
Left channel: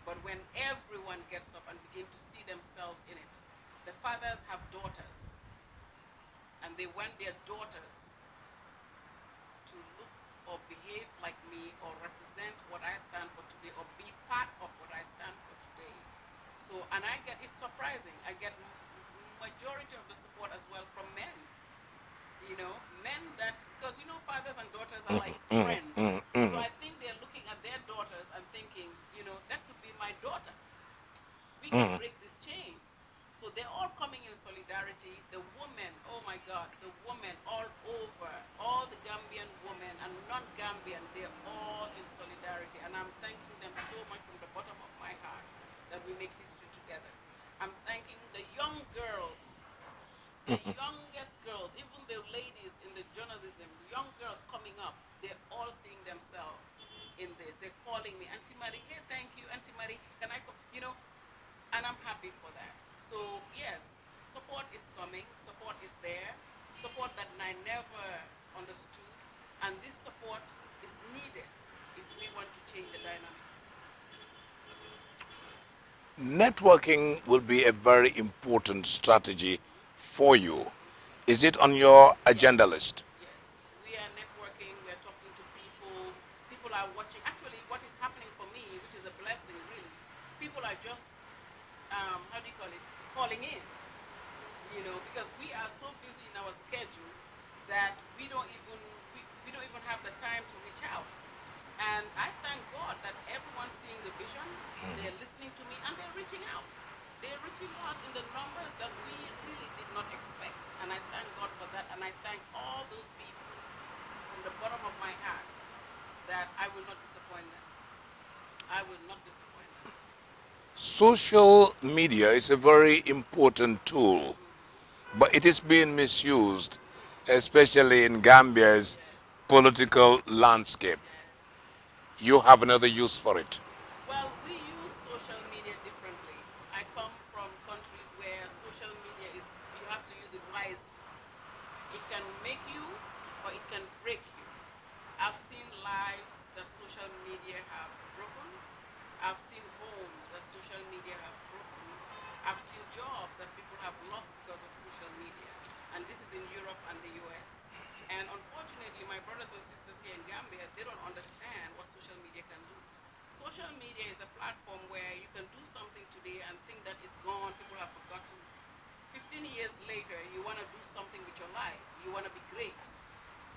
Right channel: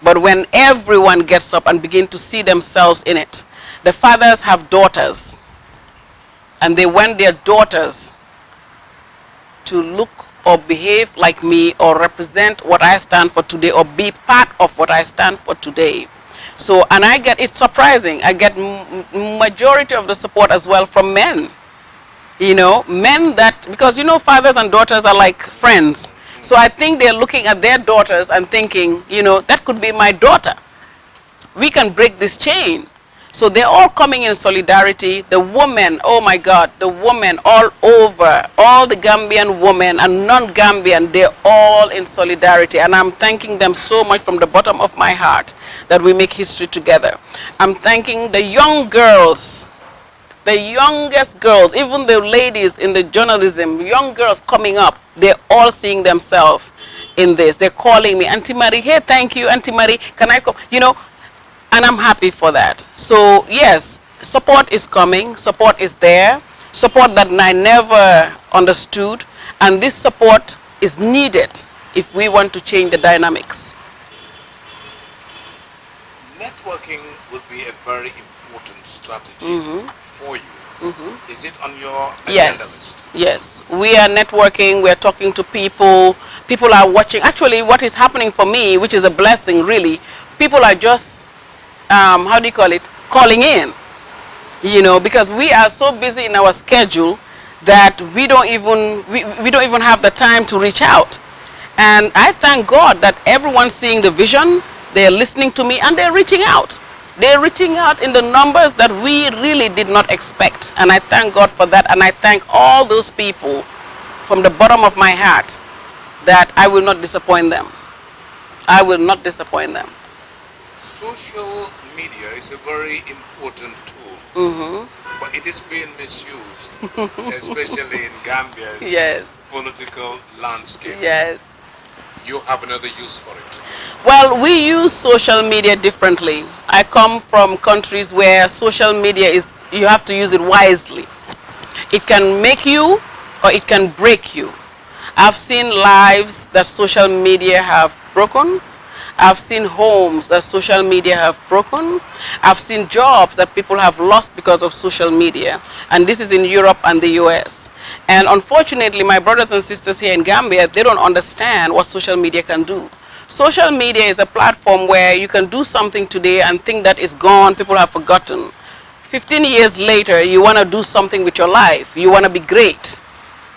But when everyone gets up and begin to see themselves in it, the fathers have daughters, and they want their daughters to look or behave like me or represent what I stand for today or be part of what I stand for today. So, and I get, it's surprising, I get majority of the support as well from men. You know, men that, because you know, fathers and daughters are like friends. So I think they're looking at their daughters and thinking, you know, that could be my daughter. We can break this chain. So they're all coming in solidarity. The women, oh my God, the women all over, all the Gambian women and non-Gambian, they're all in solidarity. And I'm thanking them so much from the bottom of my heart that we make history together. I'm thanking the young girls, the youngest girls, even the ladies in the journalism, young girls coming up, they're all seeing themselves in this. They're calling me, Auntie Marie, hey, thank you, Auntie Marie, can I come? You know, and I'm happy for that. So yes, support is coming, support is there, support that I never understood, and this support is needed if we want to change the dynamics. Networking will be a very important strategy for you. Is it on your agenda list? Yes, we are networking, we are talking to people, people are watching. Actually, what is happening for me, which is a blessing really, people are just, how do you call it, calling in, you know, because we are so busy in our schedule that we don't even have the time to reach out. And I thank God that everyone's seeing the vision, they're listening to me, and they're reaching out. They're reaching out in the numbers that we really did not expect. And I thank God for that. And I thank all those people from the bottom of my heart that I will not disappoint them. I will not disappoint them. Social media is a very important tool, but it is being misused, especially in Gambia's political landscape. Yes. You have another use for it. Well, we use social media differently. I come from countries where social media is, you have to use it wisely. It can make you or it can break you. I've seen lives that social media have broken. I've seen homes that social media have broken. I've seen jobs that people have lost because of social media. And this is in Europe and the US. And unfortunately, my brothers and sisters here in Gambia, they don't understand what social media can do. Social media is a platform where you can do something today and think that it's gone, people have forgotten. 15 years later, you want to do something with your life. You want to be great.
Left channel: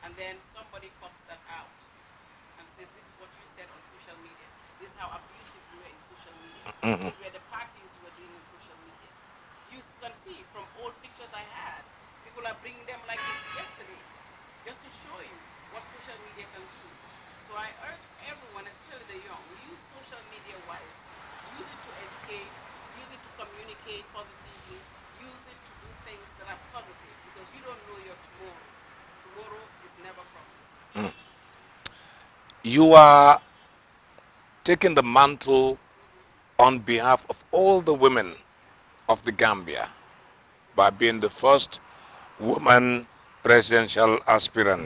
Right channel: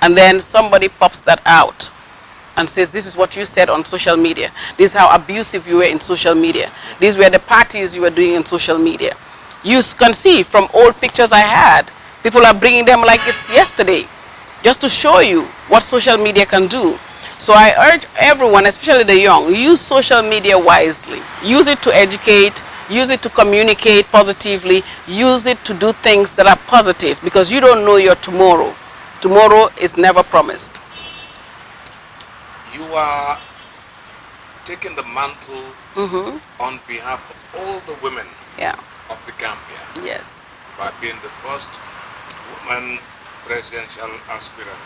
And then somebody pops that out and says, this is what you said on social media. This is how abusive you were in social media. These were the parties you were doing in social media. You can see from old pictures I had, people are bringing them like it's yesterday, just to show you what social media can do. So I urge everyone, especially the young, use social media wisely. Use it to educate, use it to communicate positively, use it to do things that are positive, because you don't know your tomorrow. Tomorrow is never promised. You are taking the mantle on behalf of all the women of the Gambia by being the first woman presidential aspirant.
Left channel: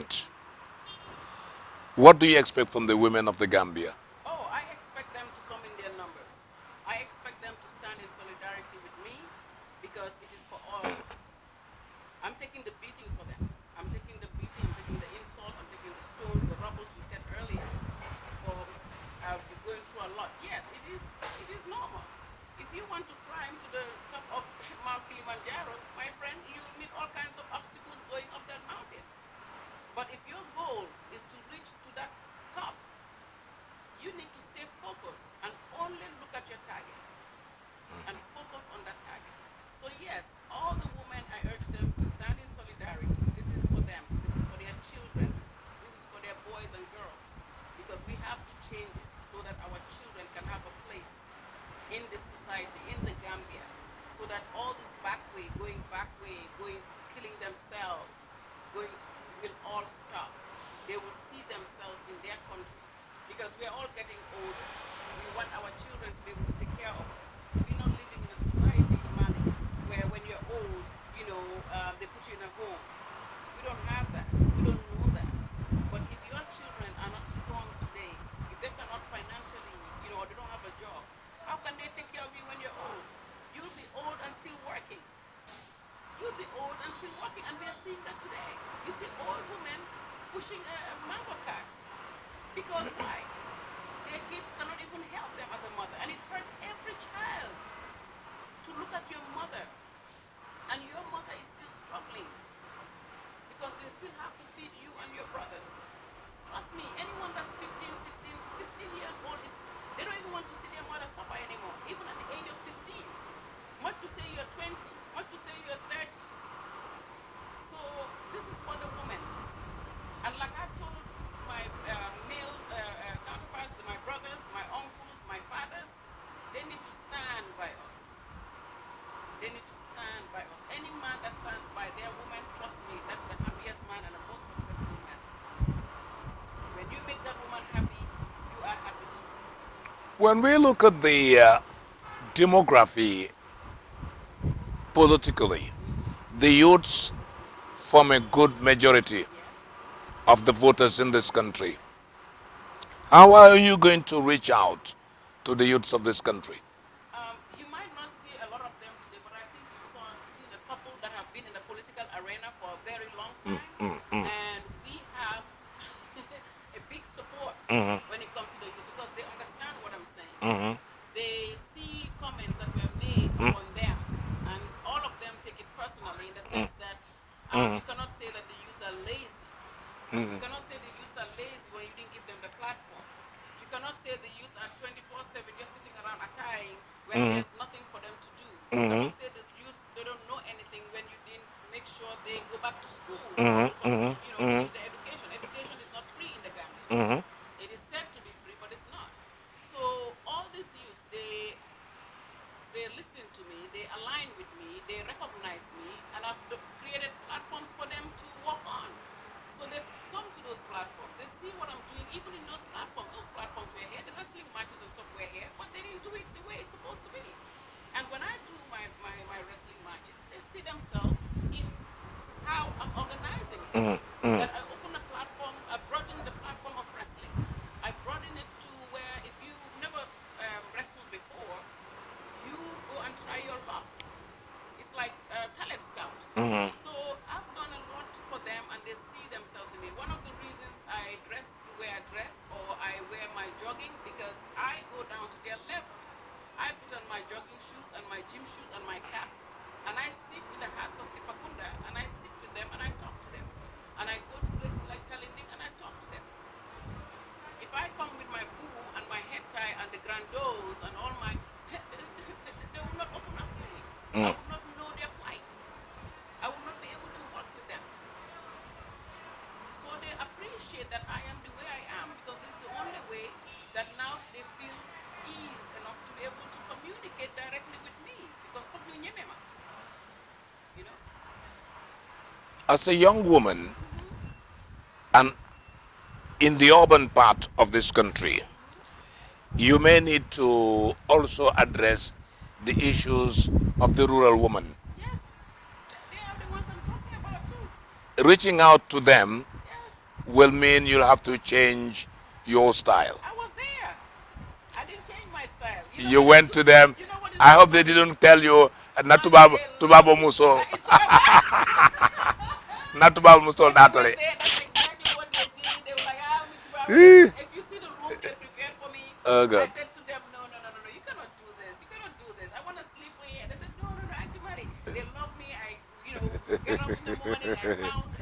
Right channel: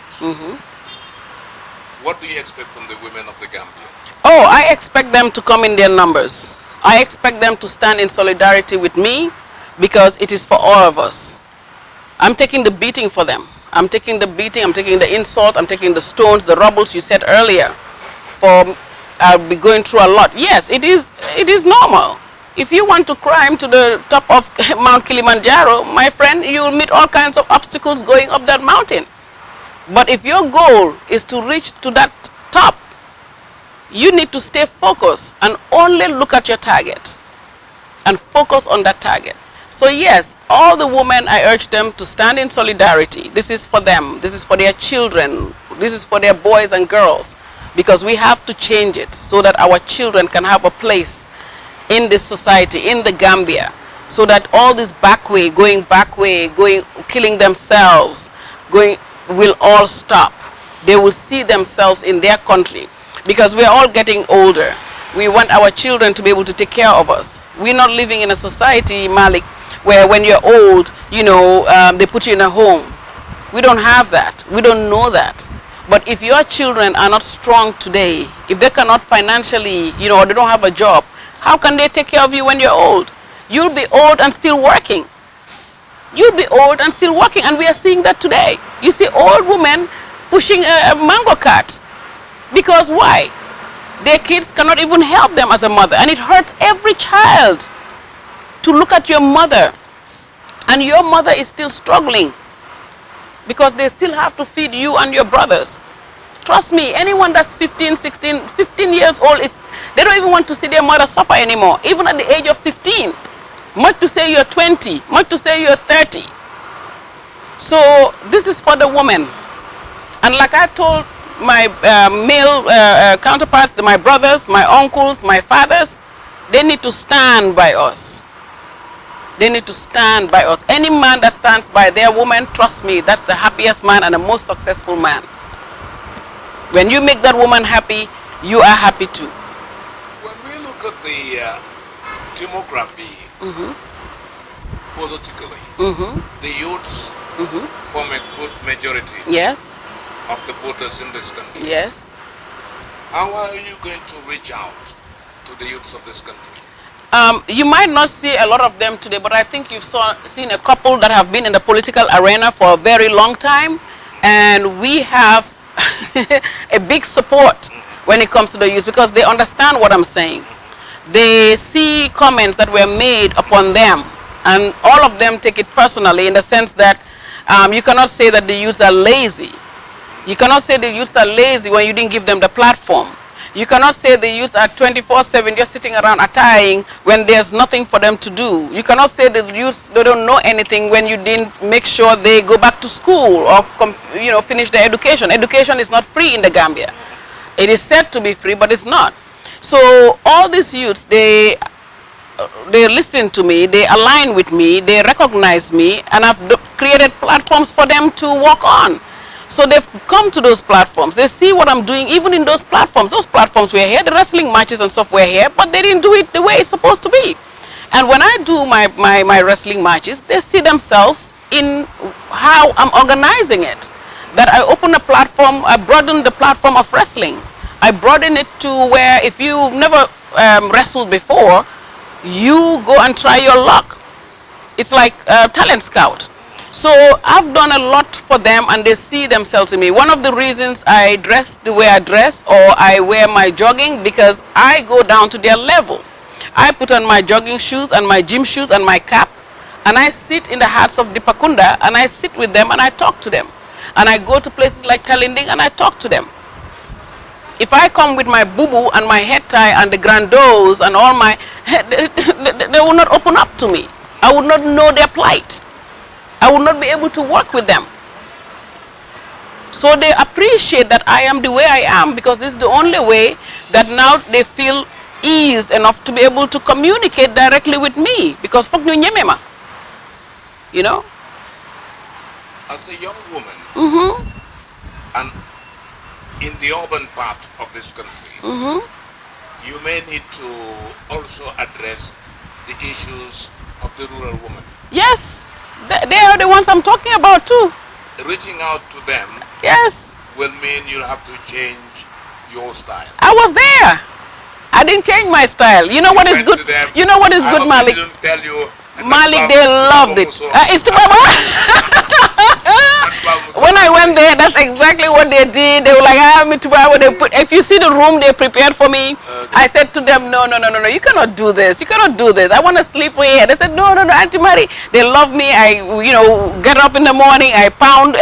What do you expect from the women of the Gambia? Oh, I expect them to come in their numbers. I expect them to stand in solidarity with me, because it is for all of us. I'm taking the beating for them. I'm taking the beating, I'm taking the insult, I'm taking the stones, the rubbles you said earlier. I'll be going through a lot. Yes, it is normal. If you want to climb to the top of Mount Kilimanjaro, my friend, you'll meet all kinds of obstacles going up that mountain. But if your goal is to reach to that top, you need to stay focused and only look at your target and focus on that target. So yes, all the women, I urge them to stand in solidarity. This is for them. This is for their children. This is for their boys and girls, because we have to change it so that our children can have a place in this society, in the Gambia, so that all this killing themselves, will all stop. They will see themselves in their country, because we are all getting older. We want our children to be able to take care of us. We're not living in a society, Malik, where when you're old, you know, they put you in a home. We don't have that. We don't know that. But if your children are not strong today, if they cannot financially, you know, or they don't have a job, how can they take care of you when you're old? You'll be old and still working. You'll be old and still working, and we are seeing that today. You see old women pushing a mango cart. Because why? Their kids cannot even help them as a mother. And it hurts every child to look at your mother. And your mother is still struggling. Because they still have to feed you and your brothers. Trust me, anyone that's 15, 16, 15 years old, they don't even want to see their mother suffer anymore. Even at the age of 15. Much to say you're 20. Much to say you're 30. So this is for the women. And like I told my male counterparts, my brothers, my uncles, my fathers, they need to stand by us. They need to stand by us. Any man that stands by their woman, trust me, that's the happiest man and the most successful man. When you make that woman happy, you are happy too. When we look at the demography politically, the youths form a good majority Yes, of the voters in this country. yes. How are you going to reach out to the youths of this country? You might not see a lot of them today, but I think you've seen a couple that have been in the political arena for a very long time. And we have a big support when it comes to the youth because they understand what I'm saying. They see comments that were made upon them, and all of them take it personally in the sense that you cannot say that the youths are lazy. You cannot say the youths are lazy when you didn't give them the platform. You cannot say the youth are 24/7 just sitting around attacking when there's nothing for them to do. You cannot say the youth they don't know anything when you didn't make sure they go back to school or finish their education. Education is not free in the Gambia. It is said to be free, but it's not. So all these youths, they listen to me, they align with me, they recognize me, and I've created platforms for them to work on. So they've come to those platforms. They see what I'm doing even in those platforms. Those platforms were here, the wrestling matches and stuff were here, but they didn't do it the way it's supposed to be. And when I do my wrestling matches, they see themselves in how I'm organizing it. That I open a platform, I broaden the platform of wrestling. I broaden it to where if you've never wrestled before, you go and try your luck. It's like a talent scout. So I've done a lot for them and they see themselves in me. One of the reasons I dress the way I dress or I wear my jogging because I go down to their level. I put on my jogging shoes and my gym shoes and my cap and I sit in the hearts of Dipakunda and I sit with them and I talk to them. And I go to places like Talinding and I talk to them. If I come with my boo-boo and my head tie and the grandos and all my, they will not open up to me. I would not know their plight. I would not be able to work with them. So they appreciate that I am the way I am because this is the only way that now they feel ease enough to be able to communicate directly with me because fuck you nyemema. You know? As a young woman, and in the urban part of this country, you may need to also address the issues of the rural woman. Yes. They are the ones I'm talking about too. Reaching out to them will mean you'll have to change your style. I was there. I didn't change my style. You know what is good? You know what is good, Malik? They didn't tell you. Malik, they loved it. It's when I went there, that's exactly what they did. They were like, if you see the room they prepared for me, I said to them, no, you cannot do this. You cannot do this. I want to sleep here. They said, no, Auntie Mary. They love me. I, get up in the morning. I pound,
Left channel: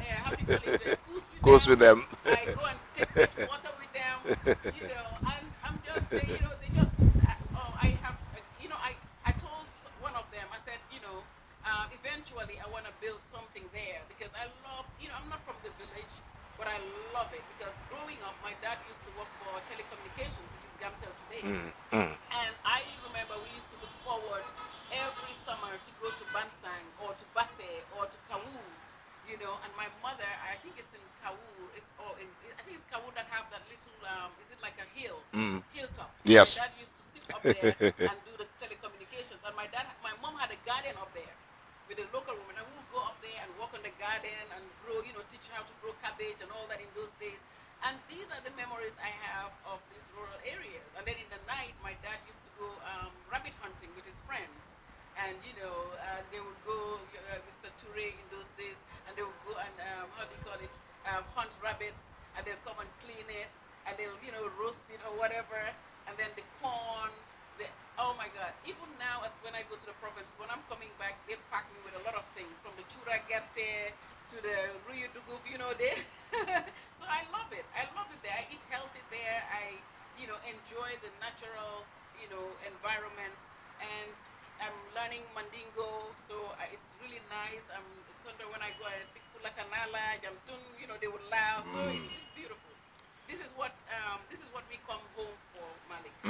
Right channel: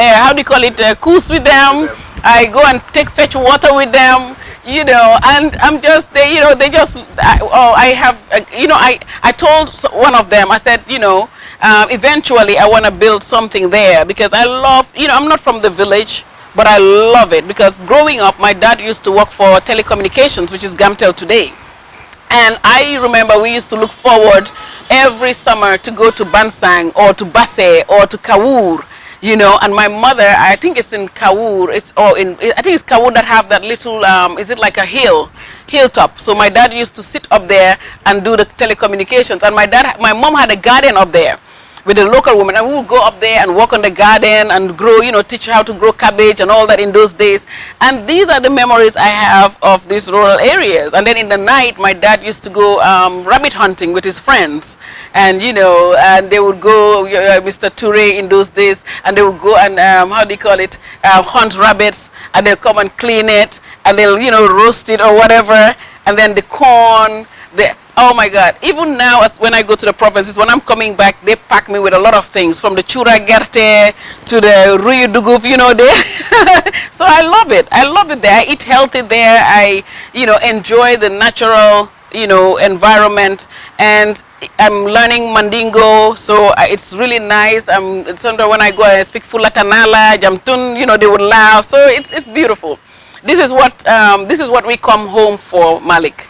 coos with them. I go and fetch water with them, and I'm just, they just, I told one of them, I said, eventually I want to build something there because I love, I'm not from the village, but I love it because growing up, my dad used to work for telecommunications, which is Gamtel today. And I remember we used to look forward every summer to go to Bansang or to Basse or to Kawur. And my mother, I think it's in Kawur, I think it's Kawur that have that little, is it like a hilltop? So my dad used to sit up there and do the telecommunications. And my mom had a garden up there. with the local women, and we would go up there and work on the garden and grow, teach how to grow cabbage and all that in those days. And these are the memories I have of these rural areas. And then in the night, my dad used to go rabbit hunting with his friends. And, and they would go, Mr. Toure in those days, and they would go and, hunt rabbits, and they'll come and clean it, and they'll, roast it or whatever. And then the corn, oh my God, even now when I go to the provinces, when I'm coming back, they pack me with a lot of things, from the chura gerte to the ruyu dugup, So I love it. I love it there. I eat healthy there. I, enjoy the natural, environment. And I'm learning Mandingo, so it's really nice. Sometimes when I go and speak Fulatanala, Jamtun, they would laugh. So it's beautiful. This is what we come home for, Malik.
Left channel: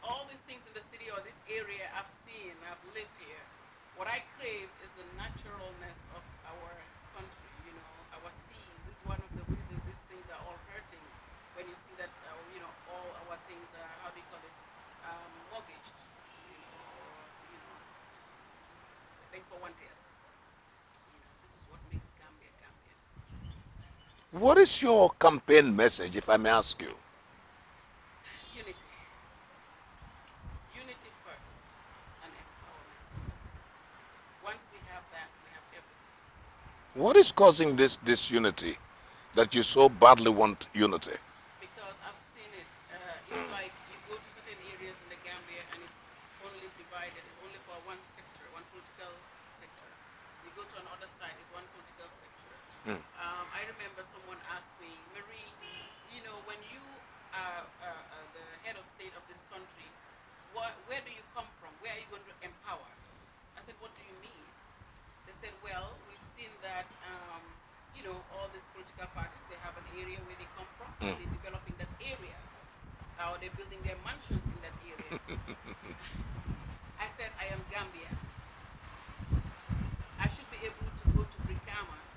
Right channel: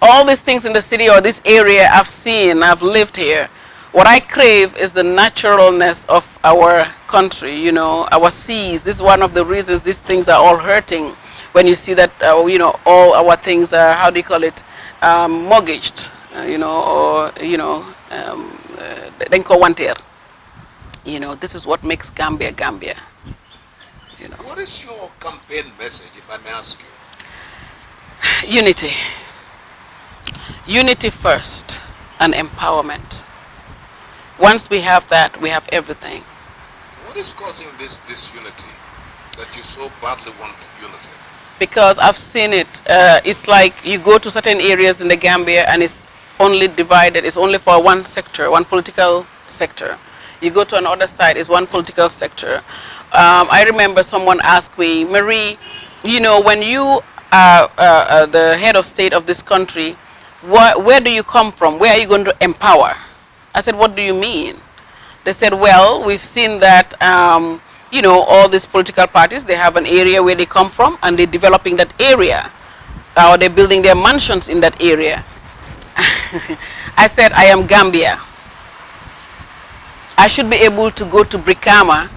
All these things in the city or this area I've seen, I've lived here. What I crave is the naturalness of our country, our seas. This is one of the reasons these things are all hurting. When you see that, all our things are, mortgaged, this is what makes Gambia, Gambia. What is your campaign message, if I may ask you? Unity. Unity first and empowerment. Once we have that, we have everything. What is causing this disunity, that you so badly want unity? Because I've seen it. It's like you go to certain areas in the Gambia and it's only divided. It's only for one sector, one political sector. You go to another side, it's one political sector. I remember someone asked me, Marie, when you are the head of state of this country, where do you come from? Where are you going to empower? I said, what do you mean? They said, well, we've seen that, all these political parties, they have an area where they come from and they're developing that area, or they're building their mansions in that area. I said, I am Gambia. I should be able to go to Brikama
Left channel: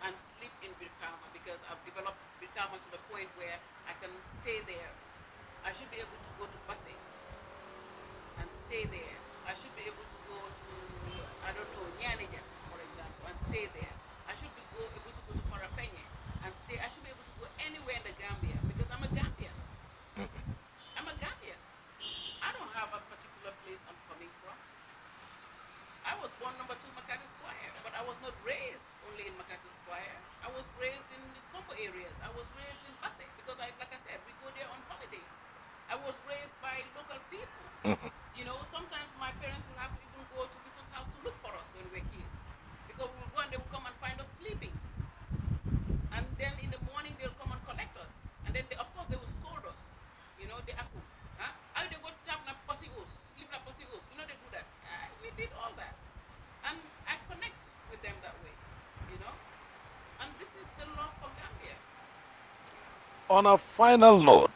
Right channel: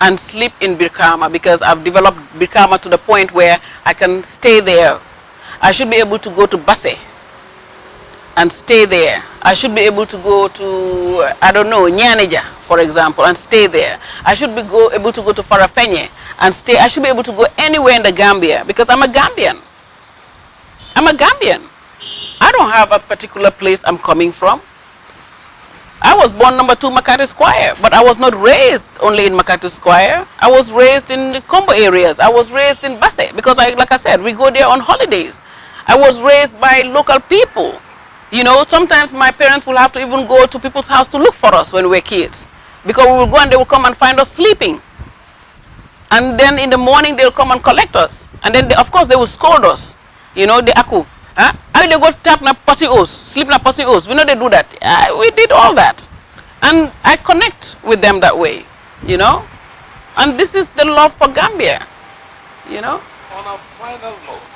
and sleep in Brikama, because I've developed Brikama to the point where I can stay there. I should be able to go to Basse and stay there. I should be able to go to, Nyanija, for example, and stay there. I should be able to go to Farafenye and stay. I should be able to go anywhere in the Gambia, because I'm a Gambian. I'm a Gambian. I don't have a particular place I'm coming from. I was born number 2 Makati Square, but I was not raised only in Makati Square. I was raised in the Combo areas. I was raised in Basse, because like I said, we go there on holidays. I was raised by local people. Sometimes my parents will have to even go to people's house to look for us when we were kids, because we will go and they will come and find us sleeping. And then in the morning they'll come and collect us. And then of course they will scold us. The aku. Huh? They go tap na pussy os, sleep na pussy os. We know they do that. We did all that. And I connect with them that way, And this is the love for Gambia, On a final note,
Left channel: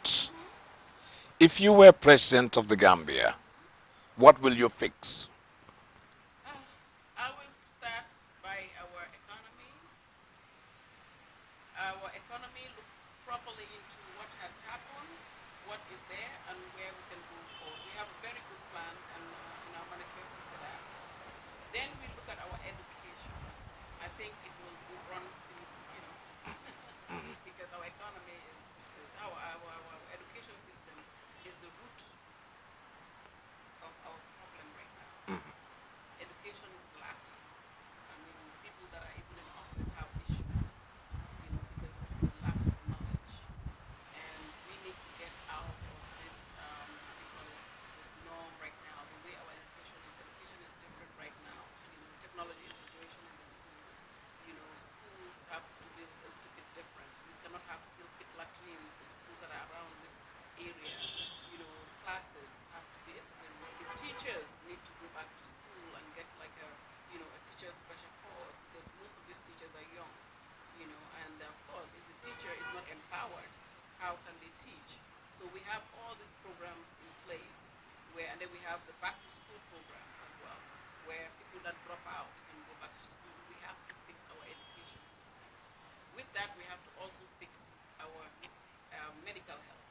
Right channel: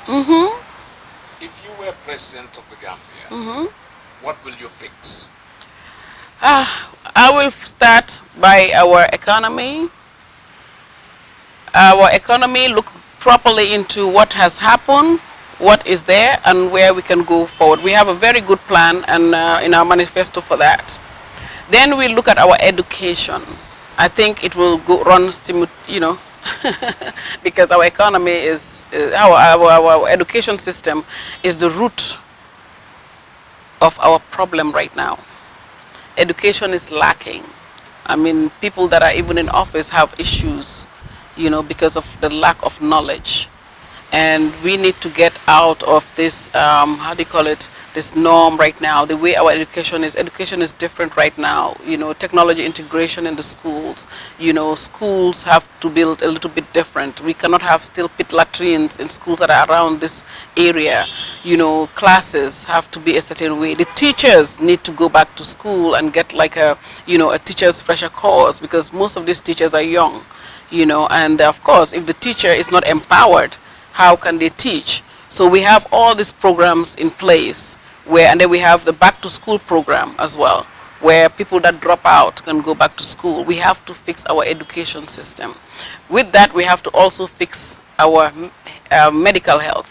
if you were president of the Gambia, what will you fix? I will start by our economy. Our economy, look properly into what has happened, what is there, and where we can go forward. We have a very good plan and in our manifesto for that. Then we look at our education. I think it will run, because our economy is, our education system is the root of our problem right now. Education is lacking. I mean, people that are even in office have issues, because of the lack of knowledge. And we need to get out of this, this norm right now. The way our education is different right now. Technology integration in the schools. Schools have to build a little bit different. We cannot have still pit latrines in schools that are around this area. Classes have to be a certain way. The teachers need to go back to school and get like a teacher's fresher course, because most of these teachers are young. And of course, if the teacher is not empowered, how can they teach? So we have all these programs in place and then we have the back to school program as well, where people that drop out can go back to school. We have to fix our education system. With that, we have to also fix our medical health.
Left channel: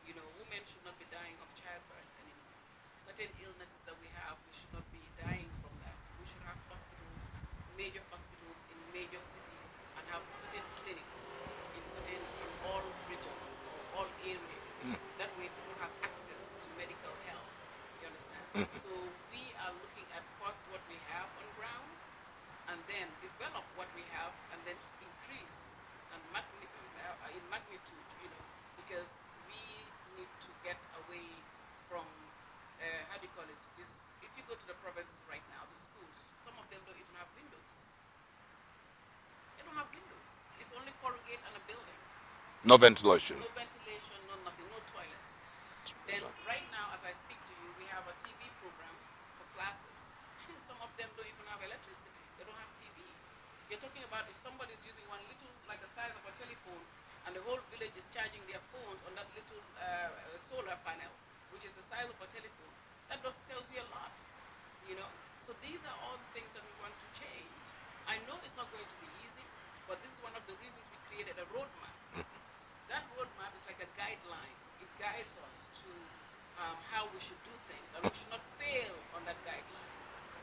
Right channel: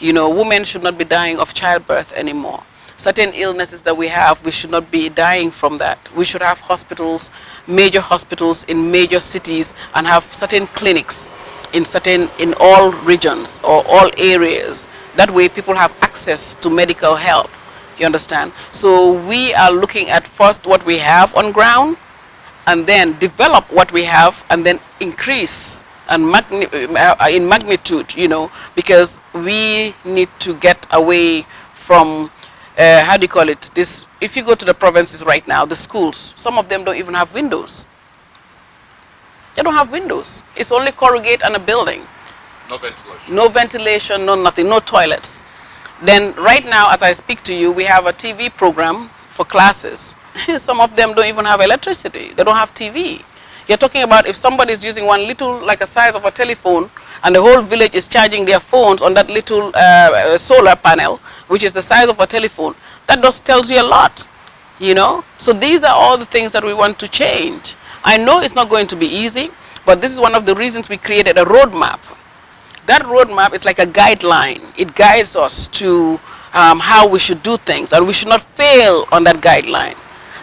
Women should not be dying of childbirth anymore. certain illnesses that we have, we should not be dying from that. We should have hospitals, major hospitals in major cities, and have certain clinics in all regions or all areas. That way people have access to medical help. You understand? So we are looking at first what we have on ground, and then develop what we have, and then increase and in magnitude, you know, because we need to get away from, how do you call it, this. If you go to the provinces right now, the schools, some of them don't even have windows. They don't have windows. It's only corrugate and a building. No ventilation. No ventilation, no nothing, no toilets. Then right now, as I speak to you, we have a TV program for classes. Some of them don't even have electricity. They don't have TV. You're talking about if somebody is using one little, like a size of a telephone, and the whole village is charging their phones on that little solar panel, which is the size of a telephone. That just tells you a lot, you know. So these are all the things that we want to change. I know it's not going to be easy, but this is one of the reasons we created a roadmap. That roadmap is like a guideline. It guides us to how we should do things, and we should not fail on that guideline.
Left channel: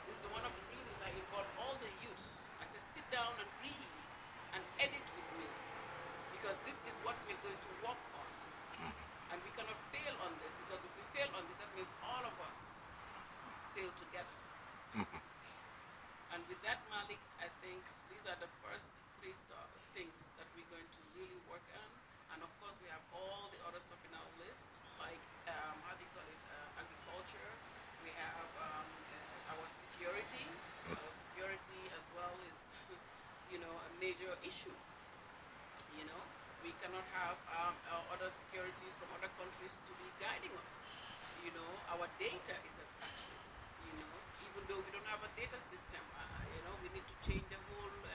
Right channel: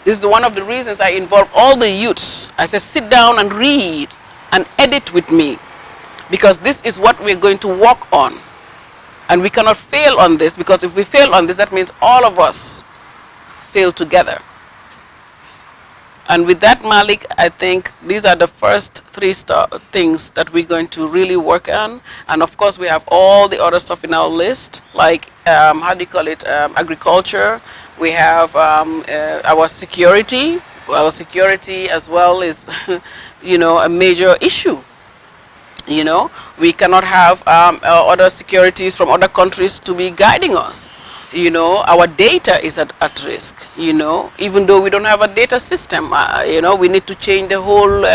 This is one of the reasons I involve all the youths. I say, sit down and read and edit with me, because this is what we're going to work on. And we cannot fail on this, because if we fail on this, that means all of us fail together. And with that, Malik, I think these are the first three things that we're going to really work on. And of course, we have all the other stuff in our list, like, how do you call it, agriculture. We have our security. Our security as well is, you know, a major issue. You know, we cannot have other securities from other countries to be guiding us. You know, our data is at risk, you know, even though we don't have a data system. You know, we need to change the whole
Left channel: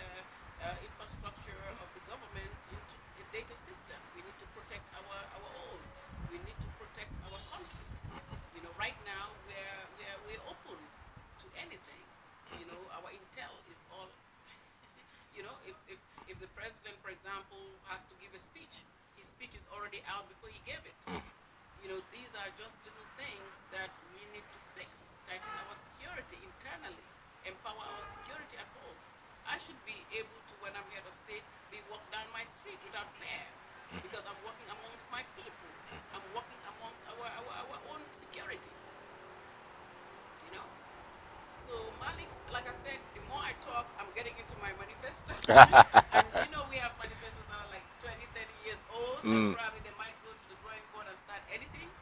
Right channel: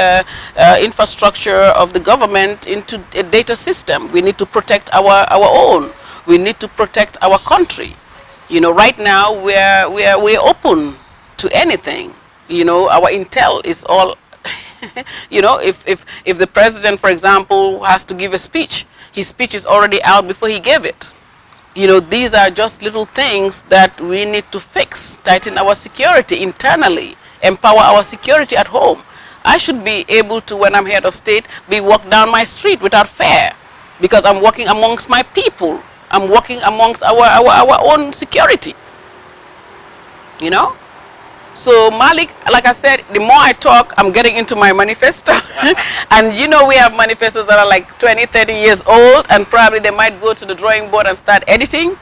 infrastructure of the government into a data system. We need to protect our own. We need to protect our country. You know, right now we're open to anything. You know, our intel is all, you know, if the president, for example, has to give a speech, his speech is already out before he gave it. You know, these are just little things that we need to fix, tighten our security internally, empower our security at home. I should be able to, when I'm head of state, be walk down my street without fear, because I'm working amongst my people. I'm working amongst our own security, you know? So Malik, like I said, the more I talk, I'm getting into my manifesto. And you know, we have manifestos that are like 20, 30 years old, and probably they might go to the drawing board and start editing.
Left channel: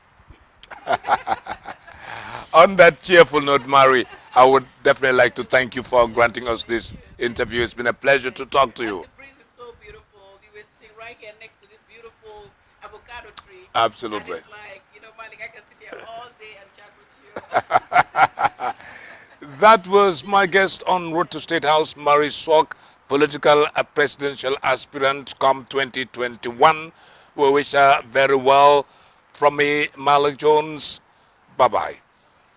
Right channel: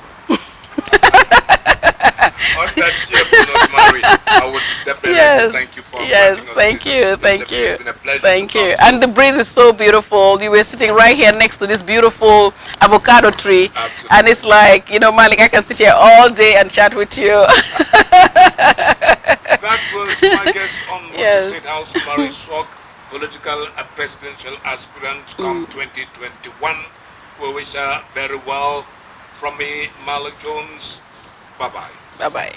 On that cheerful note, Mary, I would definitely like to thank you for granting us thank this you, interview. thank you. It's been a pleasure thank to talk you. to And the breeze is so beautiful. You were sitting right here next to this beautiful avocado tree. Absolutely. And it's like, you know, Malik, I can sit here all day and chat with you. That was my guest on Road to State House, Mary Swok, political presidential aspirant come 2021. We wish her very well. From me, Malik Jones. Bye-bye. Bye-bye.